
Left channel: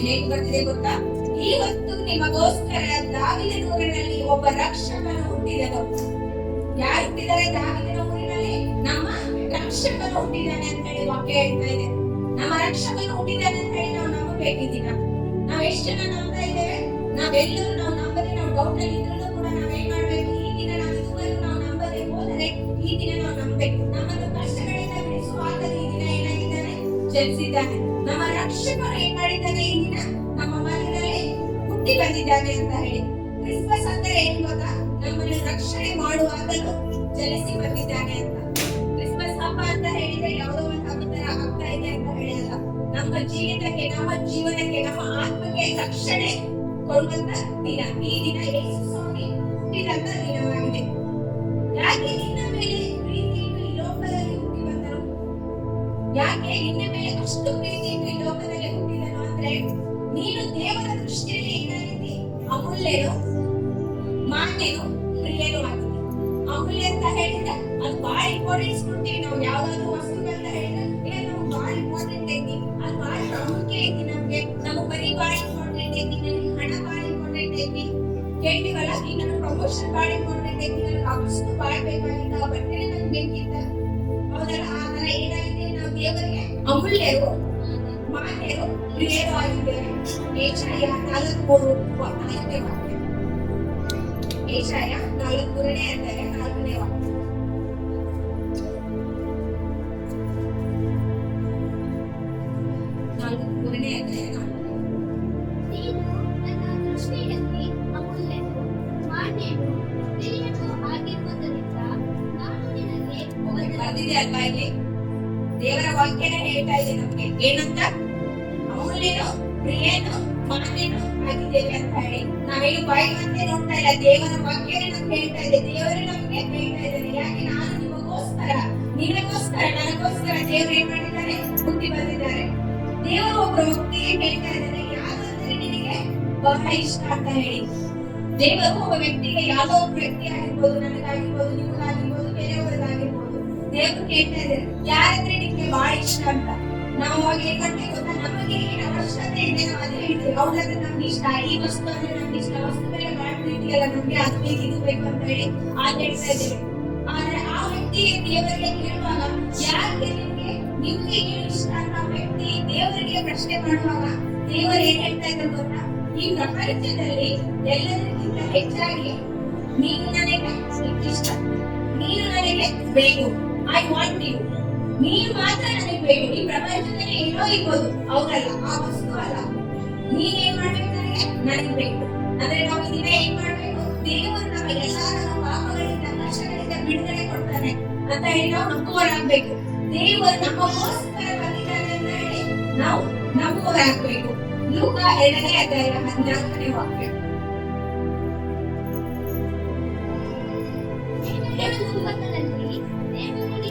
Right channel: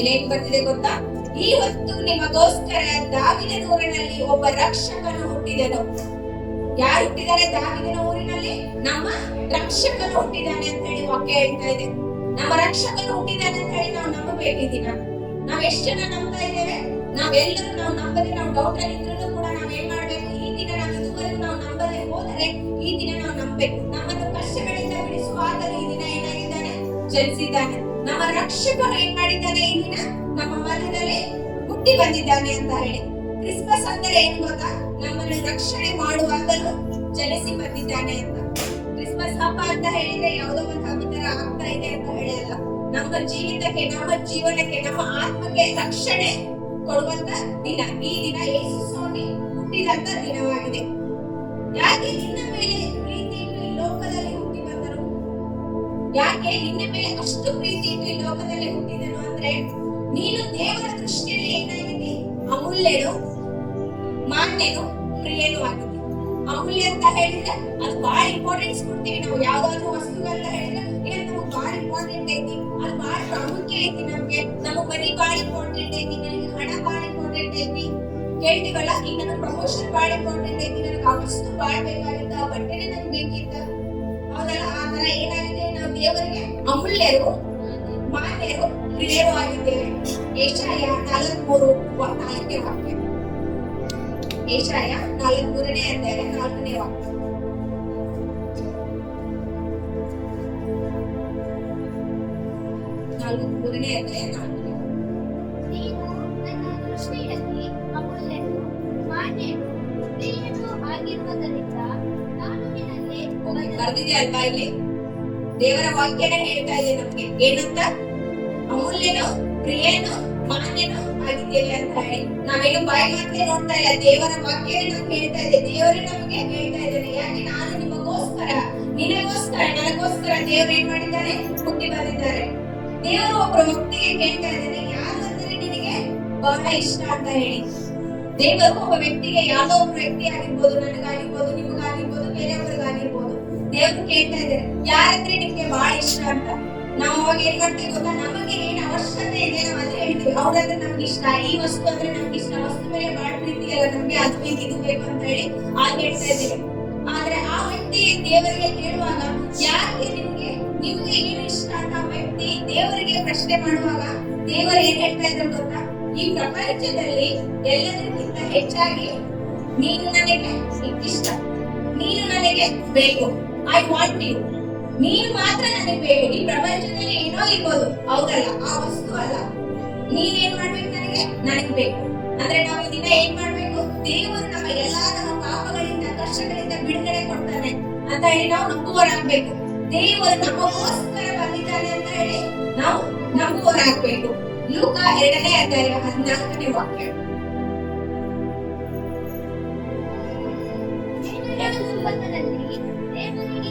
ಇಲ್ಲೇನ್ ಬರ್ತಿದೆ ಗೊತ್ತಾ? ಈ ಹೊತ್ತು ನಿಮಗೋಸ್ಕರ ದಾವೀದನ ಊರಿನಲ್ಲಿ ಒಬ್ಬ ರಕ್ಷಕನು ಹುಟ್ಟಿದನು. ಯಾರು ಹುಟ್ಟಿದ್ದಾರೆ? ದಾವೀದನ ಊರಿನಲ್ಲಿ ನಮ್ಮ ರಕ್ಷಕನು ಹುಟ್ಟಿದ್ದಾನೆ ಅಂತ ಹೇಳಿ ವಾಕ್ಯ ಹೇಳ್ತಾ ಇದೆ. ನಮ್ಮ ರಕ್ಷಕನು ಹುಟ್ಟಿದ್ದಾನೆ ಅಂತ ಹೇಳಿ ನಾವು ನಂಬಬೇಕಿದ್ದೀನ. ನಾವ್ ಎಷ್ಟು ಜನ ನಂಬ್ತಾ ಇದ್ದೇವೆ? ನಾವೆಲ್ಲರೂ ನಾವು ನಂಬದೆ ನಾವು ಡೌಟ್ ಅಲ್ಲಿ ಇದ್ರೂ ಕೂಡ ನಾವ್ ಏನ್ ಮಾಡ್ಬೇಕು? ಈ ದಿನ ನಾವು ಇದುವರೆಗೂ ನಾವು ನಂಬದೆ ಹೋದರೆ ಈ ದಿನ ನಾವು ನಂಬಬೇಕು. ನಮ್ಮನ್ನು ಕಷ್ಟಗಳಿಂದ ಬಿಡಿಸುವ ಆತನು ಈ ದಿನ ಏನಾಗಿದ್ದಾನೆ? ಜನಿಸಿದ್ದಾನೆ. ನಮ್ಮ ರಕ್ಷಕನು ಏನ್ ಮಾಡಿದ್ದಾನೆ? ಈ ದಿನ ನಮ್ಮ ಮಧ್ಯದಲ್ಲಿ ಹುಟ್ಟಿ ಬಂದಿದ್ದಾನೆ ಅಂತ ಹೇಳಿ. ಕ್ರಿಸ್ಮಸ್ ಅಂದ್ರೆ ಏನ್ ಗೊತ್ತಾ? ನಮ್ಮನ್ನು ರಕ್ಷಣೆ ಮಾಡುವಾಗಲೂ ಜನಿಸಿ ಬಂದಿದ್ದಾನೆ ಅಂತ. ಕ್ರಿಸ್ಮಸ್ ಹಬ್ಬ ಅಂತ ಹೇಳಿದ್ರೆ ಯಾವುದೋ ಒಂದು ಹಬ್ಬ ತರ ಆಗ್ತಾ ಇದೆ ಅಂತ ಹೇಳಲ್ಲ. ನಮ್ಮ ಜೀವಿತಕ್ಕೆ, ನಮ್ಮ ಜೀವನಕ್ಕೆ, ನಮ್ಮ ಆತ್ಮಕ್ಕೆ ರಕ್ಷಣೆ ಕೊಡುವಂತ ದಿನ ಈ ದಿನ. ಯೇಸು ಸ್ವಾಮಿ ಹುಟ್ಟಿದಂತ ದಿನವಾಗಿದೆ. ಯಾಕೆ ನಿನ್ನ ಮೇಲೆ ಪ್ರೀತಿ ಇಟ್ಟು ಈ ಲೋಕದಲ್ಲಿ ಹುಟ್ಟಿ ಬಂದರು? ಯಾಕೆ ನಿನ್ನ ಮೇಲೆ ಅಷ್ಟು ಪ್ರೀತಿ ಇಟ್ಟು ಈ ಲೋಕದಲ್ಲಿ ಹುಟ್ಟಿದನು ಅಂದ್ರೆ, ನೀನು ದೇವರ ದೃಷ್ಟಿಯಲ್ಲಿ ಏನಾಗಿದೆ? ಅಮೂಲ್ಯನು, ಮಾನ್ಯನು, ಪ್ರಿಯನು ಆಗಿದೆ. ಅಮೂಲ್ಯ ಅಂತ ಹೇಳಿದ್ರೆ ಅದು ಬಹಳ ಇಂಪಾರ್ಟೆನ್ಸ್ ಕೊಡ್ತೀವಿ ನಾವು. ಯಾವ್ದಾದ್ರು ವಸ್ತುಗಳನ್ನ ಹೇಳಿದ್ರೆ ಏನ್ ನಮ್ಗೆ ಬಹಳ ಇಂಪಾರ್ಟೆಂಟ್ ಐತಿ, ಅದು ಬಹಳ ಪ್ರಾಮುಖ್ಯ ಐತಿ ನಮ್ಗೆ. ನಮಗ್ ಬರೀ ಬಹಳ ಇಂಪಾರ್ಟೆಂಟ್ ಐತಿ, ನನಗೆ ಹಣ ಬಹಳ ಇಂಪಾರ್ಟೆಂಟ್ ಐತಿ ಕೇಳ್ತೀವಲ್ಲ. ಈಗ ನನಗೆ ಪ್ರಮೋಷನ್ ಬಹಳ ಇಂಪಾರ್ಟೆಂಟ್ ಐತಿ, ನನಗೆ ಆ ವಸ್ತು ಬಹಳ ಬೇಕಾಗಿತ್ತ, ಆ ಬಟ್ಟೆನೇ ನನ್ಗೆ ಬೇಕಿತ್ತ. ಹೌದಲ್ಲ? ಆ ತರ ಏನಾಗಿದೆ? ನಾವು ದೇವರಿಗೆ ಅಮೂಲ್ಯರು, ಮಾನ್ಯರು, ಪ್ರಿಯರು ಆಗಿದ್ದೇವೆ. ಏಷಾಯ 4:3 ವಾಕ್ಯ. ಏಷಾಯ 4:3ನೇ ಅಧ್ಯಾಯ 4ನೇ ವಾಕ್ಯ. ನೀನು ನನ್ನ ದೃಷ್ಟಿಯಲ್ಲಿ ಅಮೂಲ್ಯನು, ಮಾನ್ಯನು, ಪ್ರಿಯನು ಆಗಿರುವುದರಿಂದ ನಾನು ನಿನಗೆ ಬರ್ದಿದೆ ಅಲ್ವಾ? ಇಲ್ಲಿ ದೇವರ ವಾಕ್ಯನೇ ಹೇಳ್ತಾ ಇದೆ ನಮ್ಗೆ ಏನಂತ? ಅಮೂಲ್ಯನು, ಪ್ರಿಯನು, ಮಾನ್ಯನು ಆಗಿದ್ದೇವೆ ಅಂತ ಹೇಳಿ. ನಾವೇನು ಬಾಯಿ ಮಾತೇ ನೋಡ್ತಾ ಇಲ್ಲ, ದೇವರ ವಾಕ್ಯ ನಮ್ಗೆ ಹೇಳ್ತಾ ಇದೆ. ದೇವರು ನಮ್ಗೆ ಹೇಳ್ತಾ ಇದ್ದಾರೆ, ಯಾಕೆ? ನಾನು ನಿಮಗೋಸ್ಕರ, ನಿನಗೋಸ್ಕರ, ನನಗೋಸ್ಕರ ದೇವರು ಏನ್ ಮಾಡಿದ್ದಾರೆ? ಹುಟ್ಟಿ ಬಂದಿದ್ದಾರೆ. ದೇವರು ಒಬ್ಬ ವ್ಯಕ್ತಿಗೆ ಹೇಳ್ತಾ ಇದ್ದಾರೆ, ಯಾರು ಅಂದ್ರೆ ನಿನಗೆ ಬಹಳ ಇಷ್ಟ ಅಂತ ಹೇಳಿ. ದೇವರು ಒಬ್ಬ ವ್ಯಕ್ತಿಗೆ, ಯಾವುದೋ ಒಬ್ಬ ವ್ಯಕ್ತಿ ಆಗಿರ್ಬೋದು, ನನಗಾಗಿರ್ಬೋದು, ನಿಮಗಾಗಿರ್ಬೋದು, ಬೇರೆಯವ್ರಿಗಾಗಿರ್ಬೋದು, ದೇವರು ಕೇಳ್ತಾ ಇದ್ದಾರೆ ಯಾರಂದ್ರೆ ನಿಮ್ಗೆ ಬಹಳ ಇಷ್ಟ ಅಂತ. ನಾವು ಅವಾಗ ಏನ್ ಮಾಡ್ತೀವಿ ಗೊತ್ತಾ? ನಮಗೆ ಏನ್ ಅವಶ್ಯಕತೆ ಇದೆ ನಾವು ಅದೇ ಹೇಳ್ತೀವಿ. ಹೌದಾದ್ರೆ ನಮ್ಗೆ ಇಷ್ಟ, ಈ ವಸ್ತು ಅಂದ್ರೆ ನಮ್ಗೆ ಇಷ್ಟ, ವಸ್ತು ಮೇಲೆ ಬಹಳ ಪ್ರೀತಿ ಅಲ್ಲ ನಮ್ಗೆ, ಅದು ಬೇಕು ಇದು ಬೇಕು ಅಂತ ಹೇಳಿ ಆಗ ಹೇಳ್ತಾ ಇದ್ದೇವೆ. ಆದ್ರೆ ಆ ವ್ಯಕ್ತಿ ದೇವರಿಗೆ ಕೇಳುವಾಗ, ಯಾಕೆ ನಿಮ್ಗೆ ಏನು ಇಷ್ಟ ಅಂತ ವ್ಯಕ್ತಿ ದೇವರಿಗೆ ಪ್ರಶ್ನೆ ಮಾಡುವಾಗ ದೇವರು ಏನ್ ಹೇಳ್ತಾ ಇದ್ರು ಗೊತ್ತಾ? ಈ ಪ್ರಪಂಚದಲ್ಲಿ ಎಲ್ಲದಕ್ಕಿಂತ ಹೆಚ್ಚಾಗಿ ನೀನು ನನಗೆ ಇಷ್ಟ, ನೀನು ನನಗೆ ಬೇಕು, ಐ ವಾಂಟ್ ಯು. ನೀನು ಮಾತ್ರ ನನಗೆ ಬೇಕು. ಈ ಪ್ರಪಂಚದಲ್ಲಿ ಏನೋ ಇರ್ಬೋದು, ಹೌದಲ್ಲ, ಆ ವಸ್ತು ಅಲ್ಲ. ನೀನ್ ಏನ್ ಮಾಡ್ಬೇಕು, ನನಗೆ ಬೇಕು. ಅಂದ್ರೆ ನಾವು ಇದನ್ನ ಏನ್ ಮಾಡ್ಬೇಕು, ದೇವರು ನಮ್ಮ ಎಲ್ಲಾ ನಮ್ಮ ಪಾಪಗಳಿಂದ ಕಷ್ಟಗಳಿಂದ ಬಿಡುಗಡೆ ಕೊಡ್ತಾನೆ ಅಂತ ಹೇಳಿ ನಾವು ನಂಬುವರಾಗ್ಬೇಕು. ದೇವರು ನಮಗೋಸ್ಕರ ಬಂದಿದ್ದಾನೆ ಅಂತ ಹೇಳಿ ನಾವು ನಂಬುವರಾಗ್ಬೇಕು. ಲೂಕ 2ನೇ ಅಧ್ಯಾಯ 14ನೇ ವಾಕ್ಯ. ಲೋಕದಲ್ಲಿ ದೇವರಿಗೆ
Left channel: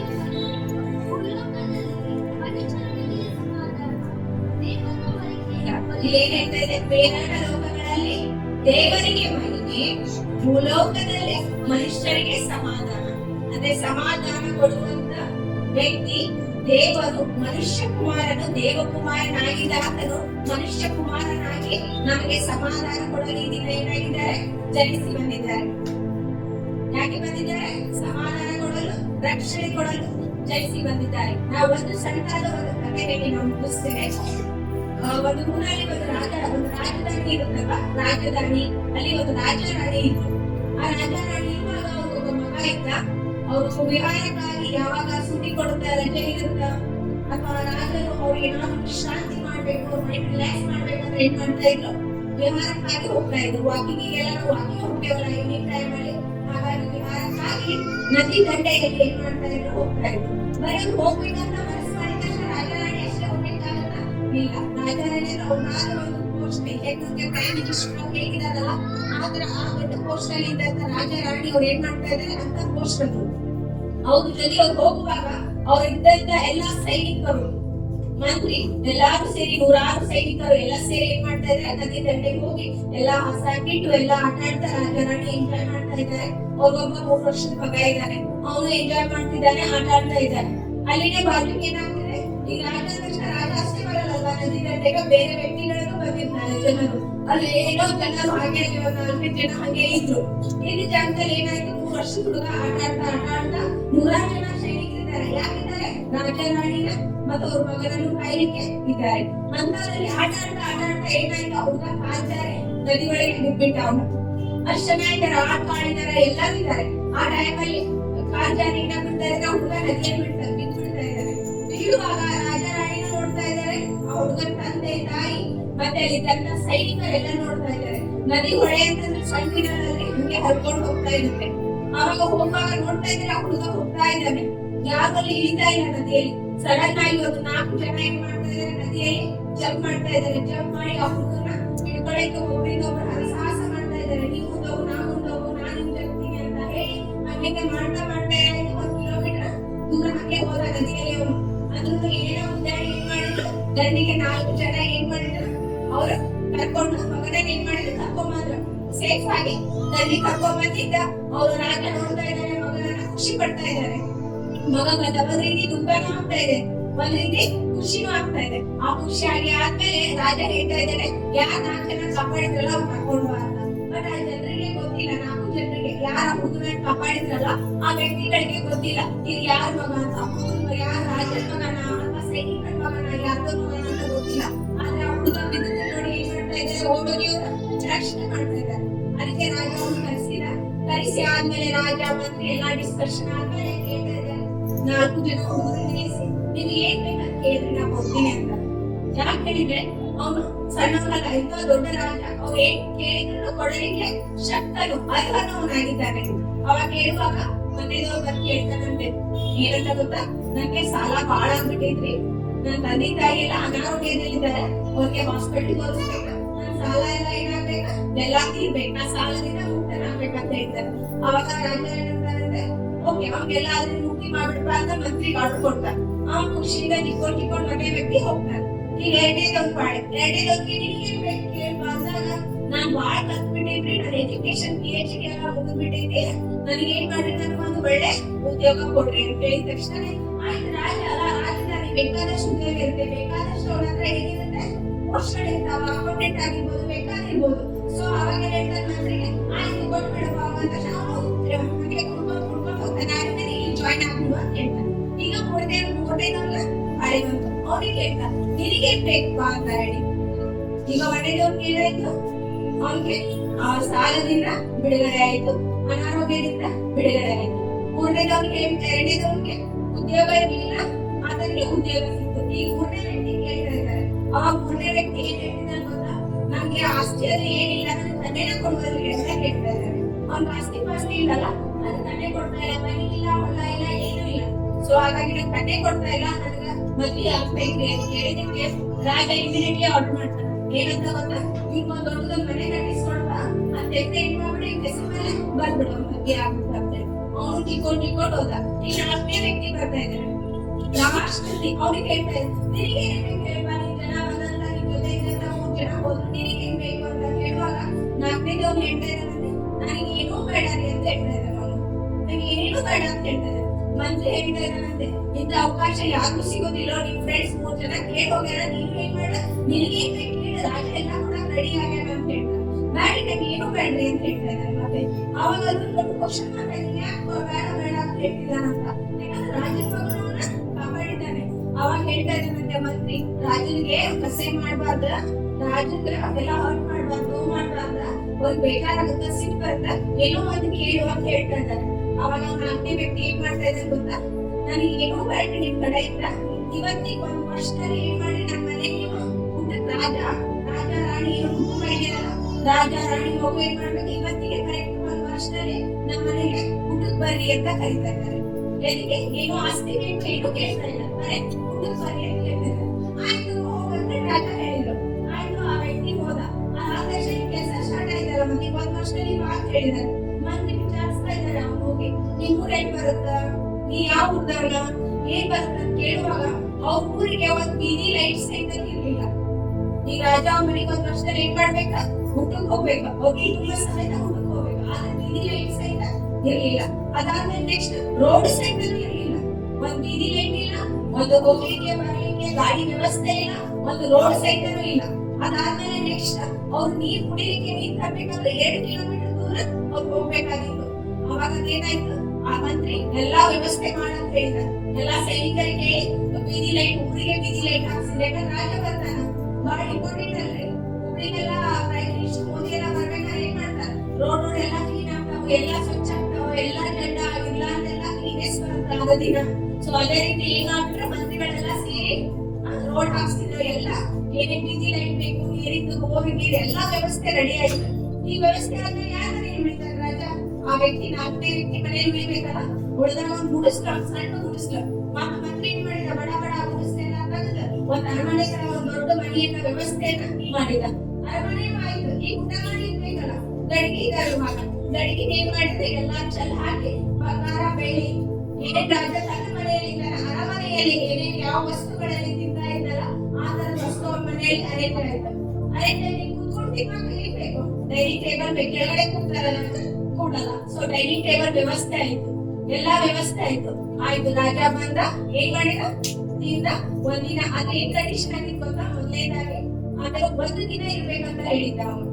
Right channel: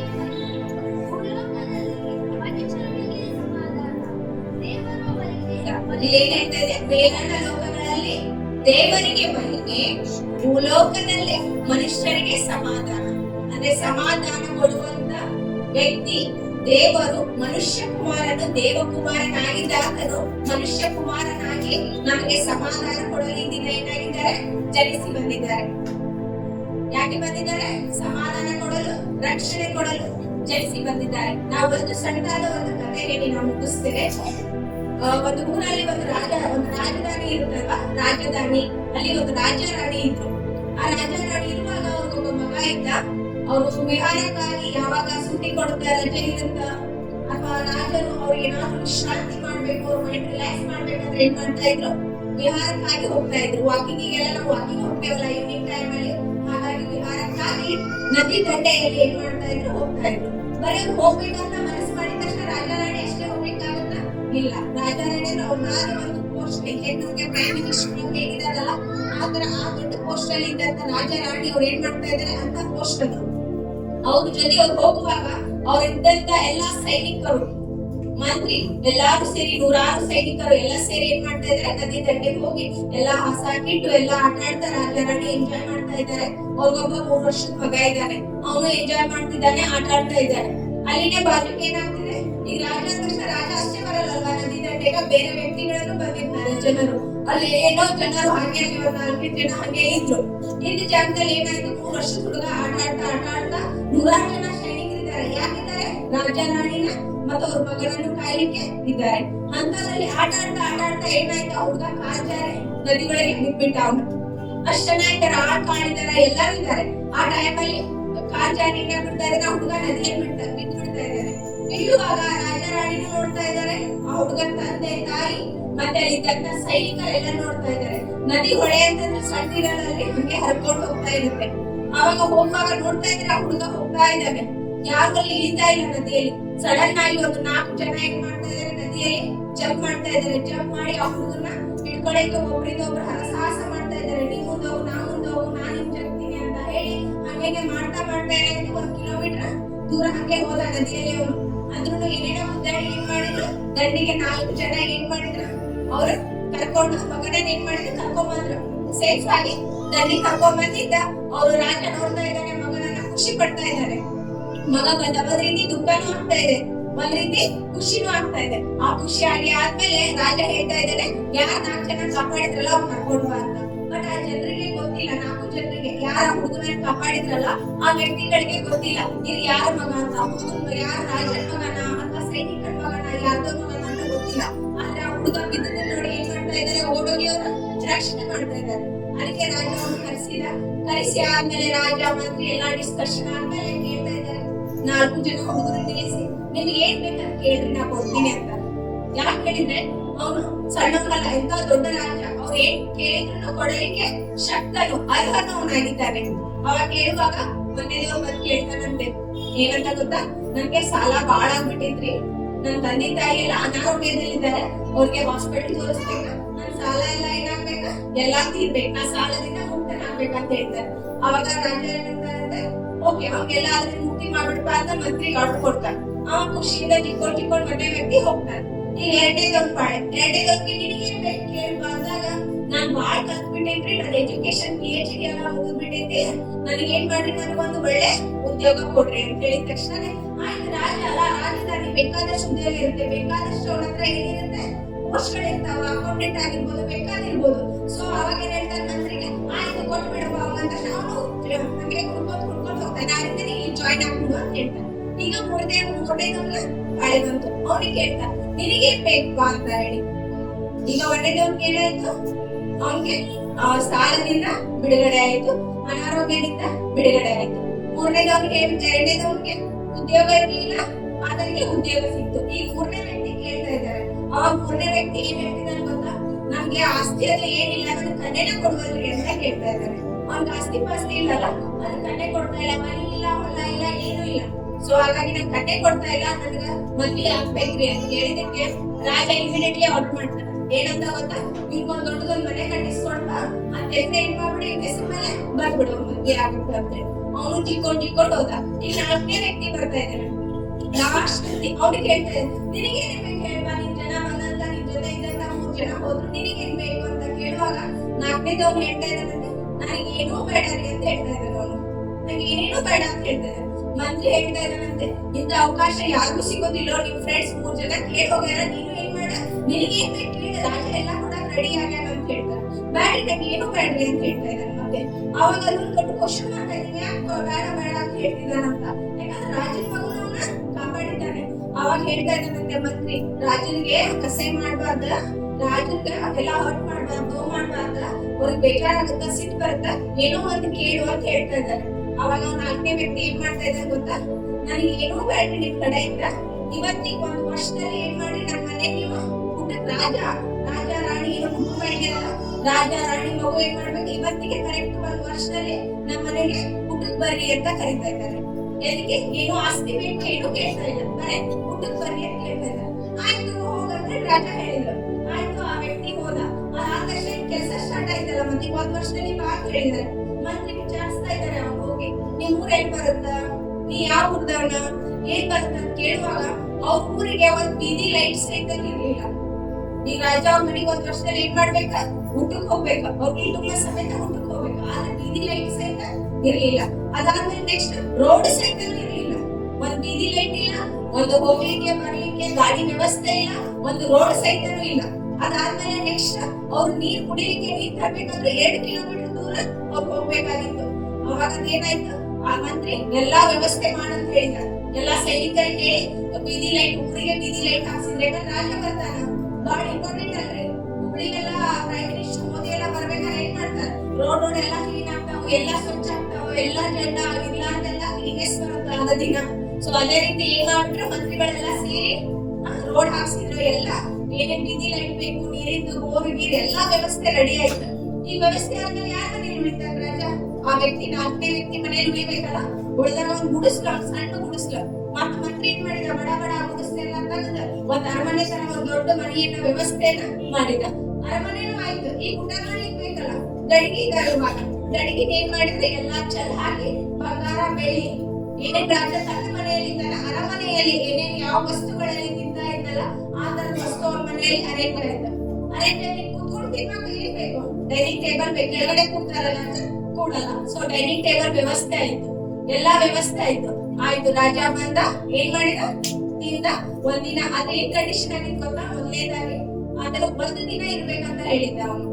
ಭೂಲೋಕದಲ್ಲಿ ಮನುಷ್ಯರಿಗೆ ಸಮಾಧಾನ. ದೇವರು ಅವರಿಗೆ ಇಲ್ಲಿ ಏನ್ ಹೇಳ್ತಾ ಇದೆ, ಬೇರೆಲ್ಲ ಲೋಕಗಳಲ್ಲಿ ದೇವರಿಗೆ ಮಹಿಮೆ, ಭೂಲೋಕದಲ್ಲಿ ಮನುಷ್ಯರಿಗೆ ಸಮಾಧಾನ. ಅಂದ್ರೆ ಸಮಾಧಾನ ಕೊಡುವಂತ ವ್ಯಕ್ತಿ ದೇವರು. ಮನುಷ್ಯ ಕುಮಾರನು ದೇವಕುಮಾರನಾಗಿದ್ದಾಗನು ಮನುಷ್ಯ ಕುಮಾರನಾಗಿ ನಮಗೆ ಸಮಾಧಾನ ಕೊಡಲು ಈ ದಿನ ಏನಾಗಿದ್ದಾರೆ, ಜನಿಸಿ ಬಂದಿದ್ದಾರೆ. ಯಾಕೆ ಬಂದಿದ್ದಾರೆ? ಸಮಾಧಾನ ಕೊಡಲು, ರಕ್ಷಣೆ ಕೊಡಲು ಜನಿಸಿ ಬಂದಿದ್ದಾರೆ. ನಾವು ಒಂದು ಸಣ್ಣದಾದ ಒಂದು ಕಥೆ ಹೇಳಿ ನಾವು ಮುಗಿಸ್ತೇವೆ. ಒಂದು ಊರಲ್ಲಿ ಒಂದು ರಾಜಧಾನಿ ಇರುತ್ತಲ್ವಾ, ರಾಜಧಾನಿ ಅಲ್ಲಿ ಒಂದು ರಾಜ ರಾಣಿ ಇದ್ರು. ಆ ರಾಜ ರಾಣಿ ಇರುವಾಗ ಒಬ್ಬ ಮಗ ಇದ್ದ. ಅವರು ವಿಹಾರಕ್ಕಾಗಿ ಯಾವಾಗ ಸುಟ್ಟಿ ಕೊಡುತ್ತಾ, ರಜೆ ಇರುತ್ತ ಅಥವಾ ರಾಜರು ಅವ್ರಿಗೆ ಏನಾದ್ರು ವಿಶ್ರಾಂತಿ ಮಾಡ್ಬೇಕು, ಮೈಂಡ್ ರಿಲ್ಯಾಕ್ಸ್ ಮಾಡ್ಬೇಕಂದ್ರೆ ಏನ್ ಮಾಡ್ತಾ ಇದ್ರು, ವಿಹಾರಕ್ಕಾಗಿ ಹೋಗ್ತಾ ಇದ್ರು. ವಾಕಿಂಗಿಗೆಲ್ಲ ನಾವು ವಾಕಿಂಗ್ ಹೋಗ್ತೇವಲ್ಲ ಈವ್ನಿಂಗ್ ಟೈಮ್ ಅಲ್ಲಿ, ಹಾಗಾಗಿ ವಿಹಾರಕ್ಕಾಗಿ ನದಿ ದಂಡೆಯಲ್ಲಿ ಏನ್ ಮಾಡ್ತಾ ಇದ್ರು, ಹೋಗ್ತಾ ಇದ್ರು. ಬರೀ ಹೋಗ್ಬೇಕಂತ ಮನಸ್ಸು ಮಾಡಿದ ತಕ್ಷಣ ರಾಜಾರಾಣಿ ಅಷ್ಟೇ ಹೋಗ್ಬೇಕಾಗತ್ತ? ಇಲ್ಲ. ರಾಜಾರಾಣಿ ಒಂದು ಪೋಸ್ಟ್ ಹೆಣ್ಣುಗೆ ಪ್ರೈಮ್ ಮಿನಿಸ್ಟರ್ ಹೇಗಿದಾರಲ್ಲ ಆತರ ಆ ದೊಡ್ಡ ಪೋಸ್ಟ್ ಅಲ್ಲಿ ಇದ್ದಂತ ರಾಜಾರಾಣಿ ಅವ್ರು ಏನ್ ಮಾಡ್ತಾ ಇದಾರೆ ಅಂತ ಪೋಸ್ಟ್ ಅದು. ಅವ್ರ ಜೊತೆ ಅವ್ರು ಹೋಗುವಾಗ ಅವ್ರ ಇದ್ದಂತ ಎಲ್ಲಾ ಸೈನಿಕರು, ಮಂತ್ರಿ ಎಲ್ಲಾರು ಸೇರಿ, 100 ಸೈನಿಕರು ಎಲ್ಲ ಸೇರಿ ಏನ್ ಮಾಡ್ತಾ ಇದಾರೆ, ನದಿ ದಂಡೆಗೆ ಹೋಗಿ ಎಲ್ಲಾ ಹಸಾಕಿಟ್ಟು ಎಲ್ಲಾ ಆಟ ಆಡ್ತಾ ರಾಜಾರಾಣಿ ಎಂಜಾಯ್ ಮಾಡ್ತಾ ಇದ್ದಾರೆ. ಅವ್ರಿಗೊಬ್ಬ 3 ವರ್ಷದ ಮಗ ಇದ್ದಾನೆ, ಅವನು ಎಂಜಾಯ್ ಮಾಡ್ತಿದ್ದಾನೆ, ಆಟ ಆಡ್ತಾ ಇದ್ದಾನೆ. ಅಲ್ಲಿನೇ ಬಾಜುಗೆ ಏನಾಗ್ತಿದೆ, ಈ ರಾಜ ಅಷ್ಟೇ ಬರಲ್ಲ, ನದಿ ದಂಡೆಗೆ ಬೇರೆ ವ್ಯಕ್ತಿಗಳನ್ನು ಬಂದಿರ್ತಾರೆ ಜನರು. ಅಲ್ಲಿ ಏನೋ ಜನರು ಹಾಗೆ 4 ಜನ ಹಾಗೆ ಇದ್ರು. ಇಲ್ಲಿ ಜಾಗದಲ್ಲಿ ಏನಾಯ್ತು, 3 ವರ್ಷದ ಹುಡುಗ ಆಟ ಆಡ್ತಾ 100 ಜನ ಸೈನಿಕರಿದ್ದಾರೆ. ಯಾಕಿದ್ದಾರೆ? ರಾಜಾರಾಣಿನ ಮತ್ತು ಅವ್ರ ಮಗನನ್ನು ಕಾಯ್ಲಿಕ್ಕೆ ಇದ್ದಾರೆ. ಅಂತದ್ರಲ್ಲಿ ಆಟ ಆಡ್ತಾ ಏನಾಯ್ತು, ಹುಡುಗ ಕಾಲ್ಜಾರೆ ನದಿ ಒಳಗೆ ಬಿಟ್ಬಿಟ್ಟ. ಅವನು ಅಷ್ಟು ಜನ ಇದ್ದಾರೆ, ಆಟ ಆಡಿದಾರೆ, ಎಲ್ಲರೂ ಇದ್ದಾರೆ. ಆ ಟೈಮಲ್ಲಿ ಕಾಲ್ಜಾರಿನ ಬಿಡ್ತಾ ಇದ್ದಾರೆ, ಹುಡುಗ ನದಿಯಲ್ಲಿ ಬಿಟ್ಬಿಡ್ತಾ ಇದ್ದಾರೆ. ಬೀಳುವಾಗ ರಾಜಾರಾಣಿನ ನೋಡ್ತಾ ಇದ್ದಾರೆ, ಆ ಹುಡುಗ ತಂದೆ ತಾಯಿ ಮತ್ತೆ ಅಲ್ಲಿ ತನ್ನ ಸೈನಿಕರೆಲ್ಲ ನೋಡ್ತಾ ಇದ್ದಾರೆ. ನದಿ ಹೊಳೆ ಅಂತಂದ್ರೆ ಸಣ್ಣಿಗಳಲ್ಲಿ ಹಂಗೆ ಹರ್ಕೊಂಡು ಹೋಗ್ತಾ ಇರುತ್ತೆ. ಅವಾಗ ಹೋಗುವಾಗ ನೋಡ್ತಾ ಇದ್ರೆ ಆ ಹುಡುಗ ಹೋಗ್ತಾ ಇದ್ದಾನೆ, ಯಾರಲ್ಲಿ ಇಳಿತಾ ಇಲ್ಲ ನದಿಯಲ್ಲಿ. ಸಡನ್ ಆಗಿ ಒಂದು 4 ಜನ ಏನ್ ಮಾಡ್ತಾ ಇದಾರೆ, ನದಿಯಲ್ಲಿ ಜಂಪ್ ಮಾಡ್ತಾ ಇದಾರೆ. ಜಂಪ್ ಮಾಡಿ ಆ ಹುಡುಗನ ಹಿಡ್ಕೊಳಕ್ಕೆ ಒಬ್ಬರಿಂದ ಒಬ್ರು ಹರಸಾಹಸ ಮಾಡ್ತಾ ಇದಾರೆ. ನೀವು ಮುಂದವು, ನಾ ಮುಂದವು, ನಾನು ನಿಮ್ ಜಗ್ತೀನಿ ಅಂತ ಹೇಳಿ ಹಂಗೆ ಮಾಡ್ತಾ ಇದ್ದಾರೆ. 1 ಕಿಲೋಮೀಟರ್ ದೂರ ಹಂಗೆ ಹೋದ ನದಿಯಲ್ಲಿ ಅವನು. ಅದ್ರೂ ಏನೋ ಒಂದ್ ಏನ್ ಮಾಡಿದ್ರು, ದಂಡಿಗೆ 4 ಜನ ಏನ್ ಮಾಡಿದ್ರು, ಅವ್ರು ಕರ್ಕೊಂಡು ಮಗನ ಏನ್ ಮಾಡಿದ್ರು, ಕರ್ಕೊಂಡ್ಬಂದ್ರು. ಸೇಫ್ ಆಗಿ ದಂಡಿ ಕರ್ಕೊಂಡ್ ಬಂದಿದ್ದ. ಅವ್ರು ರಾಜ ನೋಡ್ತಾ ಇದ್ದಾರೆ, ಮಗನನ್ನ ಖುಷಿ ಪಡ್ತಾ ಇದ್ದಾರೆ. ಮಗ ಬಂದ, ಒಂದ್ ರೀತಿ ದುಃಖನೂ ಆಗ್ತಾ ಇದೆ, ಒಂದ್ ರೀತಿ ಖುಷಿನೂ ಆಗ್ತಾ ಇದೆ. ಆ ಖುಷಿ ಆದ್ಮೇಲೆ ರಾಜ ಹೇಳ್ತಾ ಇದ್ದಾನೆ, ಯಾರ 4 ಜನ ಕಾಪಾಡಿದ್ರಲ್ಲ ಅವ್ರು ಕರ್ಕೊಂಡು ಬಾ ಅಂತ. ಬಟ್ ಆ ಜನರಿಗೆ ಗೊತ್ತಿಲ್ಲ, 4 ಜನರಿಗೆ ಯಾರ ಹುಡುಗನ ಕಾಪಾಡಿದ್ರಲ್ಲ ಆ ವ್ಯಕ್ತಿಗಳಿಗೆ ಗೊತ್ತಿಲ್ಲ ಇದು ಯಾರ ಮಗ ಅಂತ. ಯಾರ ರಾಜನ ಮಗನ ಅಥವಾ ಸೈನಿಕನ ಮಗನ, ಯಾರ್ದೋ ಮಗನ ಅಂತ ಗೊತ್ತಿಲ್ಲ. ಆದ್ರೆ ಆ ಹುಡುಗ ಬಿದ್ದನ್ನ ನೋಡಿ ಏನ್ ಮಾಡ್ತಾ ಇದ್ದಾರೆ, ಓಡೋಗಿ ಅವರು ರಕ್ಷಣೆ ಮಾಡ್ತಾ ಇದ್ದಾರೆ. ಅದಕ್ಕೆ ರಾಜ ಅವನು ಕರೆಸಿ ಆದ್ಮೇಲೆ ರಾಜ ಮಂತ್ರಿ ಎಲ್ಲಾ ಡಿಸ್ಕಷನ್ ಆದ್ಮೇಲೆ ಹೇಳ್ತಾ ಇದ್ದಾರೆ, 4 ಜನ ಹುಡುಗರು ನಿಲ್ಲಿಸಿ ನಿಮ್ಗೆ ಏನ್ ಬೇಕಂತ ಕೇಳಿದ್ರೆ ನಾ ಕೊಡ್ತೀನಿ ಅಂತ. ಯಾಕೆ ಹೇಳಿದ್ರೆ ಅವನು ಸಣ್ಣವನಲ್ಲ, ಎಂತ ದೊಡ್ಡ ರಾಜ. ಅವ್ರು ಏನ್ ಕೇಳಿದ್ರು ಕೊಡಲಿಕ್ಕೆ ಶಕ್ತನು ಅರ್ಹನು ಅವನಾಗಿದ್ದಾನೆ. ಅವಾಗ ಕೇಳುವಾಗ ಮನೆಯವ್ರು ಬಂದು ಕೇಳ್ತಾನಂತೆ, ಏನಂತ ಗೊತ್ತಾ, ನಂಗೆ ಸಾಲ ಬಾಳ ಆಗ್ಬಿಟ್ಟಿದ್ರಿ, ನನ್ ತಂದೆ ತಾಯಿ ಎಲ್ಲ ಅನಾರೋಗ್ಯದಲ್ಲಿದ್ದಾರೆ, ಅವ್ರಿಗೆ ಹಾಸ್ಪಿಟಲ್ ತೋರಿಸ್ಬೇಕ, ನನ್ ಸಾಲ ಎಲ್ಲ ಏನಾಗ್ಬೇಕ, ಎಲ್ಲಾ ತೀರ್ಬೇಕು, ನಾ ಸಾಲದಿಂದ ಮುಕ್ತನಾಗ್ಬೇಕಂತ ಹೇಳ್ತಾರೆ. ಅವಾಗ ರಾಜ ಏನಂತಾರಂತೆ, ಓಕೆ ಅವಾಗೆಲ್ಲ ಅದನ್ನ ಮುಕ್ತಿ ಮಾಡ್ಬಿಡ್ತಾ ಅಂತ ಮಂತ್ರಿಗೆ ಆರ್ಡರ್ ಕೊಡ್ತಾರೆ. ಆ ಖುಷಿಯಿಂದ ಜಿಕ್ಕೊಂಡ್ ಮನೆ ವ್ಯಕ್ತಿ ಹೋಗ್ತಾರೆ. ಈಗ 2ನೇದವ್ರು ಪಾಳೆ, 2ನೇದವ್ರಿಗೆ ನಿನಗೇನ್ ಬೇಕು ಕೇಳಿ ಬಂದಾಗ, ನಾನ್ ಬಾಳ ಕಲ್ತ್ಬಿಟ್ಟಿದ್ರಿ, ನನ್ನ ಎಜುಕೇಶನ್ PhD ಎಲ್ಲ ಮುಗಿದ್ಬಿಟ್ಟೈತಿ, ನನಗೇನ್ ಮಾಡ್ರಿ, ನನಗೊಂದು ಒಳ್ಳೆ ಉದ್ಯೋಗ ಕೊಡ್ರಿ ಅಂತ ಹೇಳಿದ ತಕ್ಷಣ ಆಯ್ತು ರಾಜಧಾನಿ ಬೇಕಾದಷ್ಟು ಉದ್ಯೋಗ ಇರುತ್ತೆ, ಬೇಕಾದಷ್ಟು ಅವನ ಹತ್ರ ಏನಿರುತ್ತೆ ಪೋಸ್ಟ್ಗಳು ಇರ್ತಾವ, ಅಕೌಂಟೆಂಟ್ ಆಗಿರ್ಬೋದು, ಬೇಕಾದಿರ್ಬೋದು. ಸೊ ಅವಾಗ ಏನ್ ಹೇಳ್ತಾರೆ ಮಂತ್ರಿಗೆ, ಆಯ್ತು ಕೊಟ್ಬಿಡಪ್ಪ ಅಂತ. ಅವನು ಹಂಗೆ ಕುಡ್ಕೊಂಡು ಹೋಗ್ತಾನೆ, ಆಯ್ತು ನೀನು ಜಾಯ್ನ್ ಆಗ್ಬಿಡು ಅಂತ ಹೇಳ್ತಾನೆ. ಈಗ 3ನೇದವ್ರಿಗೆ ಬಾಳೆ ಬಂತು, ಅವನಿಗೆ ಕೇಳ್ತಾನೆ ನಿನಗೇನ್ ಬೇಕು ಅಂತ ಹೇಳಿ. ಈಗ 1ನೇದವ್ರಿಗೆ ಏನಾಯ್ತು, ಅವನ್ಗೆ ಸಾಲದಿಂದ ಬಿಡುಗಡೆ ಆಯ್ತು, ಅನಾರೋಗ್ಯದಿಂದ ಬಿಡುಗಡೆ ಆಯ್ತು. 3ನೇದವ್ರಿಗೆ 2ನೇದವ್ರಿಗೆ ಉದ್ಯೋಗ ಇರ್ಲಿಲ್ಲ, ಆತನಿಗೆ ಉದ್ಯೋಗ ಸಿಕ್ತು. ಈ ಮೂರನೇ ವ್ಯಕ್ತಿ ಕೇಳ್ತಾ ಇದ್ದಾರೆ. ಅವಾಗ ಮೂರನೇ ವ್ಯಕ್ತಿ ಏನ್ ಹೇಳ್ತಿದ್ದಾನೆ ಗೊತ್ತಾ, ನಮ್ಗೆ ಆಸ್ತಿಯಲ್ಲಿ ಏನಿಲ್ಲ, ಅದನ್ನ ಕನ್ಯೆನ ಕೊಡುವಲ್ಲಿ ಅಂತ ಕೇಳ್ತಾ ಇದ್ದಾರೆ. ಅವ್ನಿಗೆ ಆಸ್ತಿ ಪಾಸ್ತಿ ಇಲ್ಲಲ್ಲ, ಅದು ಕನ್ಯೆ ಕೊಡ್ತಾ ಇಲ್ಲ, ಮನೆ ಇಲ್ಲ, ಹೊಲ ಇಲ್ಲ, ಏನೂ ಇಲ್ಲ. ಸೊ ಹಾಗಾಗಿ ನಾನು ಕನ್ಯೆ ಕೊಡ್ತಾ ಇಲ್ಲ, ನನಗ ಮದ್ವೆ ಆಗ್ಬೇಕ್ರಿ ಅಂತ ಹೇಳಿದಕ್ಕೆ ರಾಜ ಇಮಿಡಿಯೇಟ್ಲಿ ಆರ್ಡರ್ ಮಾಡ್ತಾನೆ. ಏನಂತ ಗೊತ್ತಾ, ನಿಮ್ಗೊಂದು ದೊಡ್ಡದೊಂದು ಮನೆ ಕಟ್ಟಿಸ್ಕೊಡ್ತಾ ಆ ತೆಗ್ದು ಏನ್ ಮಾಡ್ಬಿಡಿ ಹೆಸರು ಮೇಲೆ ಬರ್ಬಿಡು ಮದ್ವೆ ಆಗ್ಬಿಟ್ಟು ಅಂತ ಹೇಳಿ ಅವನು ತಿಳ್ಕೊಂಡು ಹೋದ. ಈಗ ನಾಲ್ಕನೇ ವ್ಯಕ್ತಿ ಬರ್ತಾ ಇದ್ದಾನೆ. ಲಾಸ್ಟ್ನಲ್ಲಿ ಅವ್ನಿಗೆ ಹೇಳ್ತಾ ಇದ್ದ, ನಿನಗೆ ಏನ್ ಬೇಕು ಹೇಳ್ಬಾ, ನಿನ್ ಜನ ಬಂದಂತ ನಿನ್ ಜೊತೆ ಇದ್ದಂತ 3 ಜನ ಹೋದ್ರು, ನಿನಗೆ ಏನ್ ಬೇಕು ಅಂತ ಕೇಳುವಾಗ ನಾಲ್ಕನೇದವ್ನು ಹೇಳ್ತಾ ಇದ್ದಾನಂತೆ, ನನಗೆ ಏನೂ ಬೇಡ ರೀ ಅಂತ ಹೇಳ್ತಾ ಇದ್ದಾನೆ. ಅವನು ನನಗೆ ಏನೇನೂ ಬೇಡ ಅಂತ ಹೇಳ್ತಾ ಇದ್ದಾನೆ. ಮಂತ್ರಿ ಹೇಳ್ತಾ ಇದ್ದಾನಂತೆ, ಇಂಥ ಅವಕಾಶ ಯಾರಿಗೂ ಸಿಗೋದಿಲ್ಲ, ನಿಮ್ ಫ್ರೆಂಡ್ಸ್ 3 ಜನ ಕೇಳಿ ಹೋಗ್ಯಾರ, ನೀನು ಏನ್ ಮಾಡ, ನಿನಗೆ ಏನ್ ಬೇಕು ಹೇಳಿ, ರಾಜ ಎಲ್ಲ ಕೂಡ ರೆಡಿ ಆಗ್ಯಾನ ಅಂತ ಹೇಳ್ತಾರೆ. ಬ್ಯಾಡ್ರಿ ನಂಗೆ ಏನು ಬೇಡ್ರಿ ಅಂತ ಹೇಳ್ತಾ ಇದ್ದಾನೆ. ಮತ್ತೆ ಅವಾಗ ಅದನ್ನ ದೊಡ್ಡ ಕ್ವಶನ್ ಮಾಡ್ತಾ ಇದ್ದೀನಿ, ಯಾಕೆ ಬೇಡ ಬೇಡ ಅಂತ ಹೇಳ್ತಿದ್ದಾನಂತ. ಯಾಕಂದ್ರೆ ರಾಜನ ಮಗನವನ್ನ ಕಾಪಾಡಿದ್ದಾನೆ. ಅವಾಗ ಹೇಳ್ತಾ ಇದ್ದಾನಂತೆ ಮಂತ್ರಿ, ರಾಜನಿಗೆ ಕಸೆ ಮಾಡ್ಬಾರ್ದ, ರಾಜನ್ಗೆ ಅದೆಲ್ಲ ಹರ್ಟ್ ಮಾಡ್ಬಾರ್ದ, ಅವ್ರಿಗೆ ಬೇಕಾಗುತ್ತ, ಸಿಟ್ಟು ಬರುತ್ತ, ಏನೋ ಒಂದು ಕೇಳು ಅಂತ ಹೇಳ್ತಾ ಇದ್ದಾರೆ. ಅವಾಗ ನಾಲ್ಕನೇ ವ್ಯಕ್ತಿ ಏನ್ ಮಾಡ್ತಾ ಇದ್ದಾನೆ ಗೊತ್ತಾ, ನನಗೆ ಏನೂ ಬೇಡ್ರಿ ನಿಮ್ ಕಡೆಯಿಂದ, ಇವತ್ತಿಗೆ 1 ವರ್ಷದಲ್ಲಿ ಏನ್ ಮಾಡಿ ನನ್ನ ಮನೆಗೆ ನೀವು ಊಟಕ್ಕೆ ರಾಜ ರಾಣಿ ಕುಟುಂಬ ಇದೆಯಲ್ಲ, ರಾಜ ರಾಣಿ ಮಗು ಏನ್ ಮಾಡ್ಬೇಕು, ಇವತ್ತಿಗೆ ಕರೆಕ್ಟ್ 1 ವರ್ಷದಲ್ಲಿ ನಮ್ಮ ಮನೆಗೆ ಊಟಕ್ಕೆ ಬರ್ರಿ ಅಂತ ಕರೀತಾ ಇದ್ದಾರೆ. ಎಲ್ಲಿಗೆ, ಏನು ಆಸ್ತಿ ಬೇಕು ಏನು ಕೇಳ್ತಾ ಇಲ್ಲ, ಮನೆ ಊಟಕ್ಕೆ ಬರ್ರಿ ಅಂತ ಹೇಳ್ತಾ ಇದ್ದಾರೆ. ಆಯ್ತು ಹೋಗಂದ್ರೆ ರಾಜ ಹೇಳಿದ್ರು. ಆಯ್ತು ಆ ವ್ಯಕ್ತಿ ಹೋದ. ಅದಾದ ತಕ್ಷಣ ಕೆಲಸ ಸ್ಟಾರ್ಟ್ ಆಯ್ತಲ್ಲ, ಮತ್ತೆ 1 ವರ್ಷದಲ್ಲಿ ಮಾತು ಹೇಳಿದ್ದಾರೆ. ಮಂತ್ರಿ ವಿಚಾರಿಸ್ತಾ ಇದ್ದಾರೆ, ಅವ್ನು ಹೋಗಿ ನಿಮ್ ಊರ್ ಏನ್ ಬರುತ್ತ, ನೀ ಯಾವ ಊರ್ದವಳ, ಏನ್ ಬರುತ್ತ ಅಂತ ಕೇಳುವಾಗ ಅವ್ರ ಊರಿಗೆ ಒಂದ್ ಬೀದಿ ಲೈಟ್ ಸಹಿತ ಇರ್ಲಿಲ್ಲ. ಈಗ ರಾಜ ಅವ್ರ ಮನೆಗೆ 1 ವರ್ಷದಲ್ಲಿ ಏನ್ ಮಾಡ್ಬೇಕ, ಊಟಕ್ಕೆ ಹೋಗ್ಬೇಕು, ಅವ್ರ ಕುಟುಂಬ ಸಮೇತ ಊಟಕ್ಕೆ ಹೋಗ್ಬೇಕು, ಆದ್ರೆ ಬೀದಿ ಲೈಟ್ ಸಹಿತ ಇರ್ಲಿಲ್ಲ. ಅದಾದ್ಮೇಲೆ ನೆಕ್ಸ್ಟ್ ರೋಡ್ ಸಹಿತ ಇರ್ಲಿಲ್ಲ, ಒಂದ್ ಬೀದಿ ಲೈಟ್ ಇಲ್ಲ, ಒಂದು ಹೋಗ್ಲಿಕ್ಕೆ ಬರ್ಲಿಕ್ಕೆ ಗಾಡಿ ವ್ಯವಸ್ಥೆ ಇಲ್ಲ, ಒಂದು ರೋಡ್ ಸಹಿತನೂ ಇಲ್ಲ. ಅದಾದ್ಮೇಲೆ ನೆಕ್ಸ್ಟ್ ಅವ್ರು ನೀರ್ ಕುಡಿಲಿಕ್ಕೆ ನೀರ್ ತರ್ಬೇಕಂದ್ರೆ 2 ಕಿಲೋಮೀಟರ್ ದೂರ ಅವ್ರು ಹೋಗ್ಬೇಕಾಗಿತ್ತು. ಅವಾಗ ಏನಾಯ್ತು, ಆ ಮಂತ್ರಿ ಎಲ್ಲಾ ವ್ಯವಸ್ಥೆ ಮಾಡಂತ ಹೇಳಿದ. ಎಲ್ಲಾ ಸೈನಿಕರಿಗೆ ಹೇಳಿ ಬೀದಿ ಲೈಟ್, ಊರಿಗೆ ಬೀದಿ ಲೈಟ್ ಹಾಕ್ಸಿದ್ರೆ, ಯಾಕಂದ್ರೆ ರಾಜ ಬರ್ತಾನ, ಬಹಳ ಇಂಪಾರ್ಟೆಂಟ್ ಅಲ್ರಿ. ಹುಬ್ಳಿಗೆಲ್ಲ ಪ್ರೈಮ್ ಮಿನಿಸ್ಟರ್ ಮೋದಿ ಎಲ್ಲ ಬರ್ಬೇಕಾದ್ರೆ ಏನ್ ಮಾಡ್ತಾರೆ, ರೋಡ್ ಎಲ್ಲ ಕ್ಲೀನ್ ಆಗ್ತಾವ, ಎಲ್ಲ ಸ್ವಚ್ಛ ಆಗ್ತಾವ, ಎಲ್ಲ ಜಡ್ಡ ಇಲ್ಲ ಅಂತೆಲ್ಲ ಕ್ಲೀನೆಸ್ ಬರುತ್ತಲ್ಲ ದಿನ. ಸೊ ಅದೇ ರೀತಿ ಏನಾಗ್ಬಿಟ್ರು, ಮಂತ್ರಿಗಳೆಲ್ಲ ಸೇರಿ ರೋಡ್ ಹಾಕ್ಸಿದ್ರು, ಎಲ್ಲ ಏನೇನ್ ಬೀದಿ ಲೈಟ್ ಬೇಕು, ನೀರಿಂದು ಬೋರ್ ನೀರ್ ಎಲ್ಲಾ ವ್ಯವಸ್ಥೆ ರೆಡಿ ಆಯ್ತು. ಈ ವ್ಯವಸ್ಥೆ ಆದ್ಮೇಲೆ ಯಾರ ಮನೇಲಿ ಉಳಿತಾರ ರಾಜ, ಆ ವ್ಯಕ್ತಿ 4ನೇ ವ್ಯಕ್ತಿ ಮನೇಲಿ ಉಳಿಬೇಕಲ್ಲ, ಉಳಿದಾಗ ಒಂದು ಗುಡಿಸ್ಲು, ಸಣ್ಣ ಗುಡಿಸ್ಲು. ಮತ್ತ ಮಂತ್ರಿ ಏನ್ ಮಾಡಿದ, ಬಡ ಬಡ ಗುಡಿಸ್ಲೆಲ್ಲ ತೆಗೆದು ಒಂದ್ ಅರಮನೆ ತರ ಒಂದ್ ದೊಡ್ಡ ಮನೆಯನ್ನ ವ್ಯವಸ್ಥೆಯನ್ನ ಮಾಡಿದ. ಅರಮನೆನೂ ಆಯ್ತು, ಈ ಊಟ ಮಾಡ್ಲಿಕ್ಕೆ ಬೇಕಲ್ಲ, ಗಡಿಗೆ ಇದ್ದಾರೆ, ಗಡಿಗೆ ಏನ್ ಮಾಡಿದ್ರೆ ಎಲ್ಲಾ ಚೆಲ್ ಹಾಕಿ ಬಂಗಾರ ಬೆಳ್ಳಿ ಏನೇನ್ ರಾಜ ತನ್ನ ಮನೆಯಲ್ಲಿ ಇದ್ದಾನ, ಅರಮನೆಯಲ್ಲಿ ಏನೇನ್ ಯಾವ ವಸ್ತುಗಳಲ್ಲಿ ತಿಂತಾ ಇದ್ದಲ್ಲ ಆ ತರ ವಸ್ತು ಅವ್ರ ಮನೆಯಲ್ಲಿ ಅರೇಂಜ್ ಆಯ್ತು. ಅರೇಂಜ್ ಆಗಿ ಕೂತ್ಕೊಂಡು ತಿನ್ನೋಕೆ ಏನ್ ಬೇಕು, ಡೈನಿಂಗ್ ಟೇಬಲ್ ಬೇಕು, ಕೆಳಗಡೆ ಕೂತಾರಲ್ಲ ಕೂಡಲ್ಲ. ಸೊ ಡೈನಿಂಗ್ ಟೇಬಲ್ ವ್ಯವಸ್ಥೆ ಆಯ್ತು, ಎಲ್ಲಾ ವ್ಯವಸ್ಥೆ ಆಯ್ತು. ಆಯ್ತು ರಾಜ ಬಂದ, ಏನ್ ಮಾಡಿದ, ತಿಂದ. ಒಂದಿನ ಅದೇನ್ ಕಂಡೀಷನ್ ಆಗಿತ್ತು ಗೊತ್ತಾ, ಮೊದಲನೇದಾಗಿ ಆತರ 1 ದಿನ ಇರ್ಬೇಕಂತ ಹೇಳಿದ್ದ ಅವನು.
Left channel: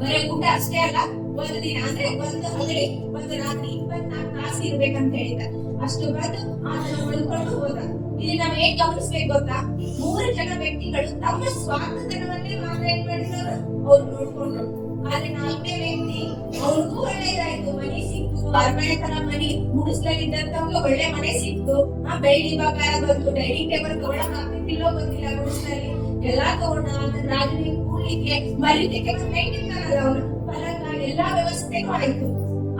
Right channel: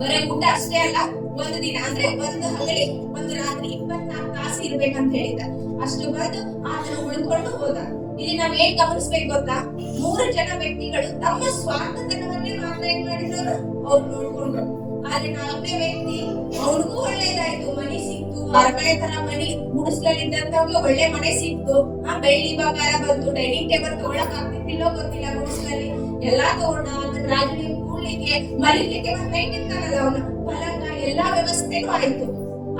ಬರೀ ಊಟ ಅಷ್ಟೇ ಅಲ್ಲ, 1 ದಿನ ಅಂದ್ರೆ 1 ಹಗಲಿ 1 ರಾತ್ರಿ 24 ತಾಸು ಇರ್ಬೇಕಂತ ಹೇಳಿದ. ಅಷ್ಟು ಬಂದು ಆತನ ಉಳ್ಕೊಂಡು ಹೋದ. ಇಲ್ಲಿ ನಾವ್ ಏನ್ ಗಮನಿಸ್ಬೇಕು ಗೊತ್ತಾ, 3 ಜನ ವ್ಯಕ್ತಿಗಳು ತಮ್ಮ ಸ್ವಾರ್ಥತನವನ್ನೇ ಮಾತ್ರ ಏನ್ ಮಾಡಿದ್ರು, ಅವ್ರು ನೋಡ್ಕೊಂಡ್ರು. ಆದ್ರೆ 4ನೇ ವ್ಯಕ್ತಿ, ಅವನಿಗೂ ಒಳ್ಳೇದಾಯ್ತು, ಮನೆ ಸಿಕ್ತು, ಅರಮನೆ ತರ ಮನೆ ಗುಡಿಸ್ಲಲ್ಲಿದ್ದಂತವ್ರಿಗೆ ಒಳ್ಳೆ ಮನೆ ಸಿಕ್ತು, ಬೆಳ್ಳಿ ಬಂಗಾರ ಬಂತು, ಡೈನಿಂಗ್ ಟೇಬಲ್ ತಗೊಳಕ್ ಆಗ್ತಿದ್ದಿಲ್ಲೋ ಗೊತ್ತಿಲ್ಲ, ಗುಡಿಸ್ಲಲ್ಲಿ ಎಲ್ಲಾ ತಗೊಂಡ. ಅದನ್ನ ರಾಜನಿಗೆ ಕೂಡ್ಲಿಕ್ಕೆ ಮಲಿಲಿಕ್ಕೆ ಒಂದ್ ಲೈಟ್ ಇರ್ತಾರಲ್ಲ, ಅವನು ಪಲಂಗ ಎಲ್ಲಾ ವ್ಯವಸ್ಥೆಗೂ ಆಯ್ತು.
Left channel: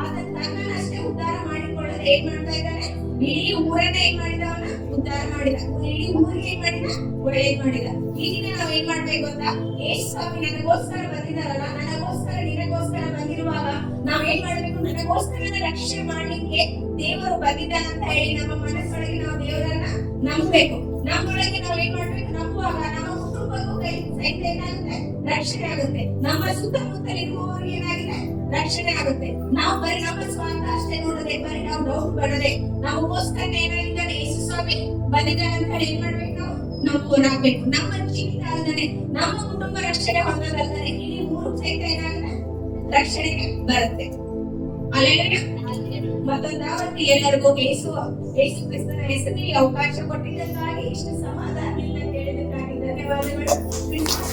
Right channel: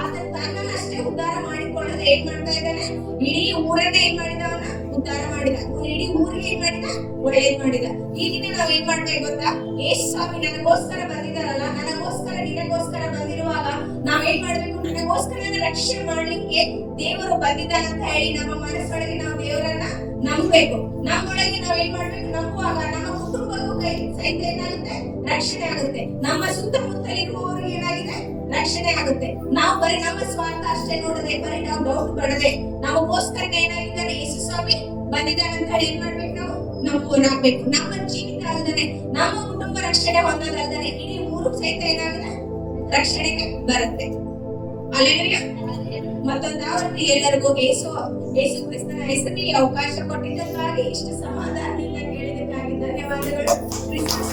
ಅದನ್ನ ತನ್ನಷ್ಟೇ ಉದ್ಧಾರ ಮಾಡಿಕೊಳ್ಳೋದು ಏನ್ ಮಾಡ್ತಾ ಇದ್ದಾನೆ, ಇಡೀ ಊರನ್ನೇ ಏನ್ ಮಾಡಿದ, ಅವನ ಉದ್ಧಾರ ಮಾಡಿದ, ಇಡೀ ಊರಿಗೆ ಏನ್ ಮಾಡಿದ, ಒಳ್ಳೇದ್ ಮಾಡಿದ. ಈ ದಿನ ನಾವ್ ಏನ್ ಮಾಡ್ಬೇಕು ಗೊತ್ತಾ, ಯೇಸು ಸ್ವಾಮಿ ನನಗೋಸ್ಕರ ಬಂದಿದಾರಲ್ಲ, ನನಗೋಸ್ಕರ ನಿನಗೋಸ್ಕರ ಬಂದಿರುವಾಗ ನಾವ್ ಏನ್ ಮಾಡ್ಬೇಕು, ನನಗೋಸ್ಕರ ರಕ್ಷಣೆ ಮಾಡ್ಲಿಕ್ಕೆ ದೇವರು ಬಂದಿದ್ದಾನೆ ಅಂತ ಹೇಳಿ ನಮ್ಮ ಮನಸ್ಸೊಳಗೆ ನಾವು ದೇವರನ್ನ ನಂಬಬೇಕು. ನಮ್ಮೊಳಗೆ ನಾವ್ ಏನ್ ಮಾಡ್ಬೇಕು, ನಂಬುವಾಗ ನಮ್ಮ ಕುಟುಂಬಕ್ಕೂ ಸಹಿತ ಏನಾಗುತ್ತೆ, ರಕ್ಷಣೆ ಆಗುತ್ತೆ. ನಮ್ಮ ಸುತ್ತಮುತ್ತಲಿರುವವರಿಗೆ ಏನಾಗಿದೆ, ರಕ್ಷಣೆ ಆಗುತ್ತೆ. ನಾವು ಬರೀ ನಮ್ಮ ಸ್ವಾರ್ಥ ಅಷ್ಟೇ ನೋಡದೆ, ಬರೀ ನಾವು ಡೌಟ್ ಪಡದೆ, ನಮಗೋಸ್ಕರ ಏನಾಗಿದ್ದಾನೆ ಯೇಸು ಸ್ವಾಮಿ ಬಂದಿದ್ದಾನೆ ಅಂತ ಹೇಳಿ ಏನ್ ಮಾಡ್ಬೇಕು, ನಾವು ನಂಬಬೇಕು. ನಮ್ಮ ಜೀವಿತ ಅಲ್ಲದೆ, ನಮ್ಮ ಕುಟುಂಬ ರಕ್ಷಣೆ ಹೊಂದೋದಲ್ಲದೆ ಇಡೀ ಊರು ಸಹಿತ ಏನಾಗಿದೆ, ರಕ್ಷಣೆಗೆ ಬರುತ್ತೆ. ಅಲ್ಲೇನಯ್ಯ, ಮತ್ತೊಂದಾವತ್ತು ಎಲ್ಲರಿಗೂ ಯೇಸು ಕ್ರಿಸ್ತನ ಹೆಸರಿನಲ್ಲಿ ಅವಕಾಶ ಕೊಟ್ಟಿದ್ದಕ್ಕಾಗಿ, ಇಷ್ಟು ಸಮಾಧಾನದಿಂದ ಕೇಳಿದ್ದಕ್ಕಾಗಿ ಧನ್ಯವಾದಗಳು. ಕ್ರಿಸ್ಮಸ್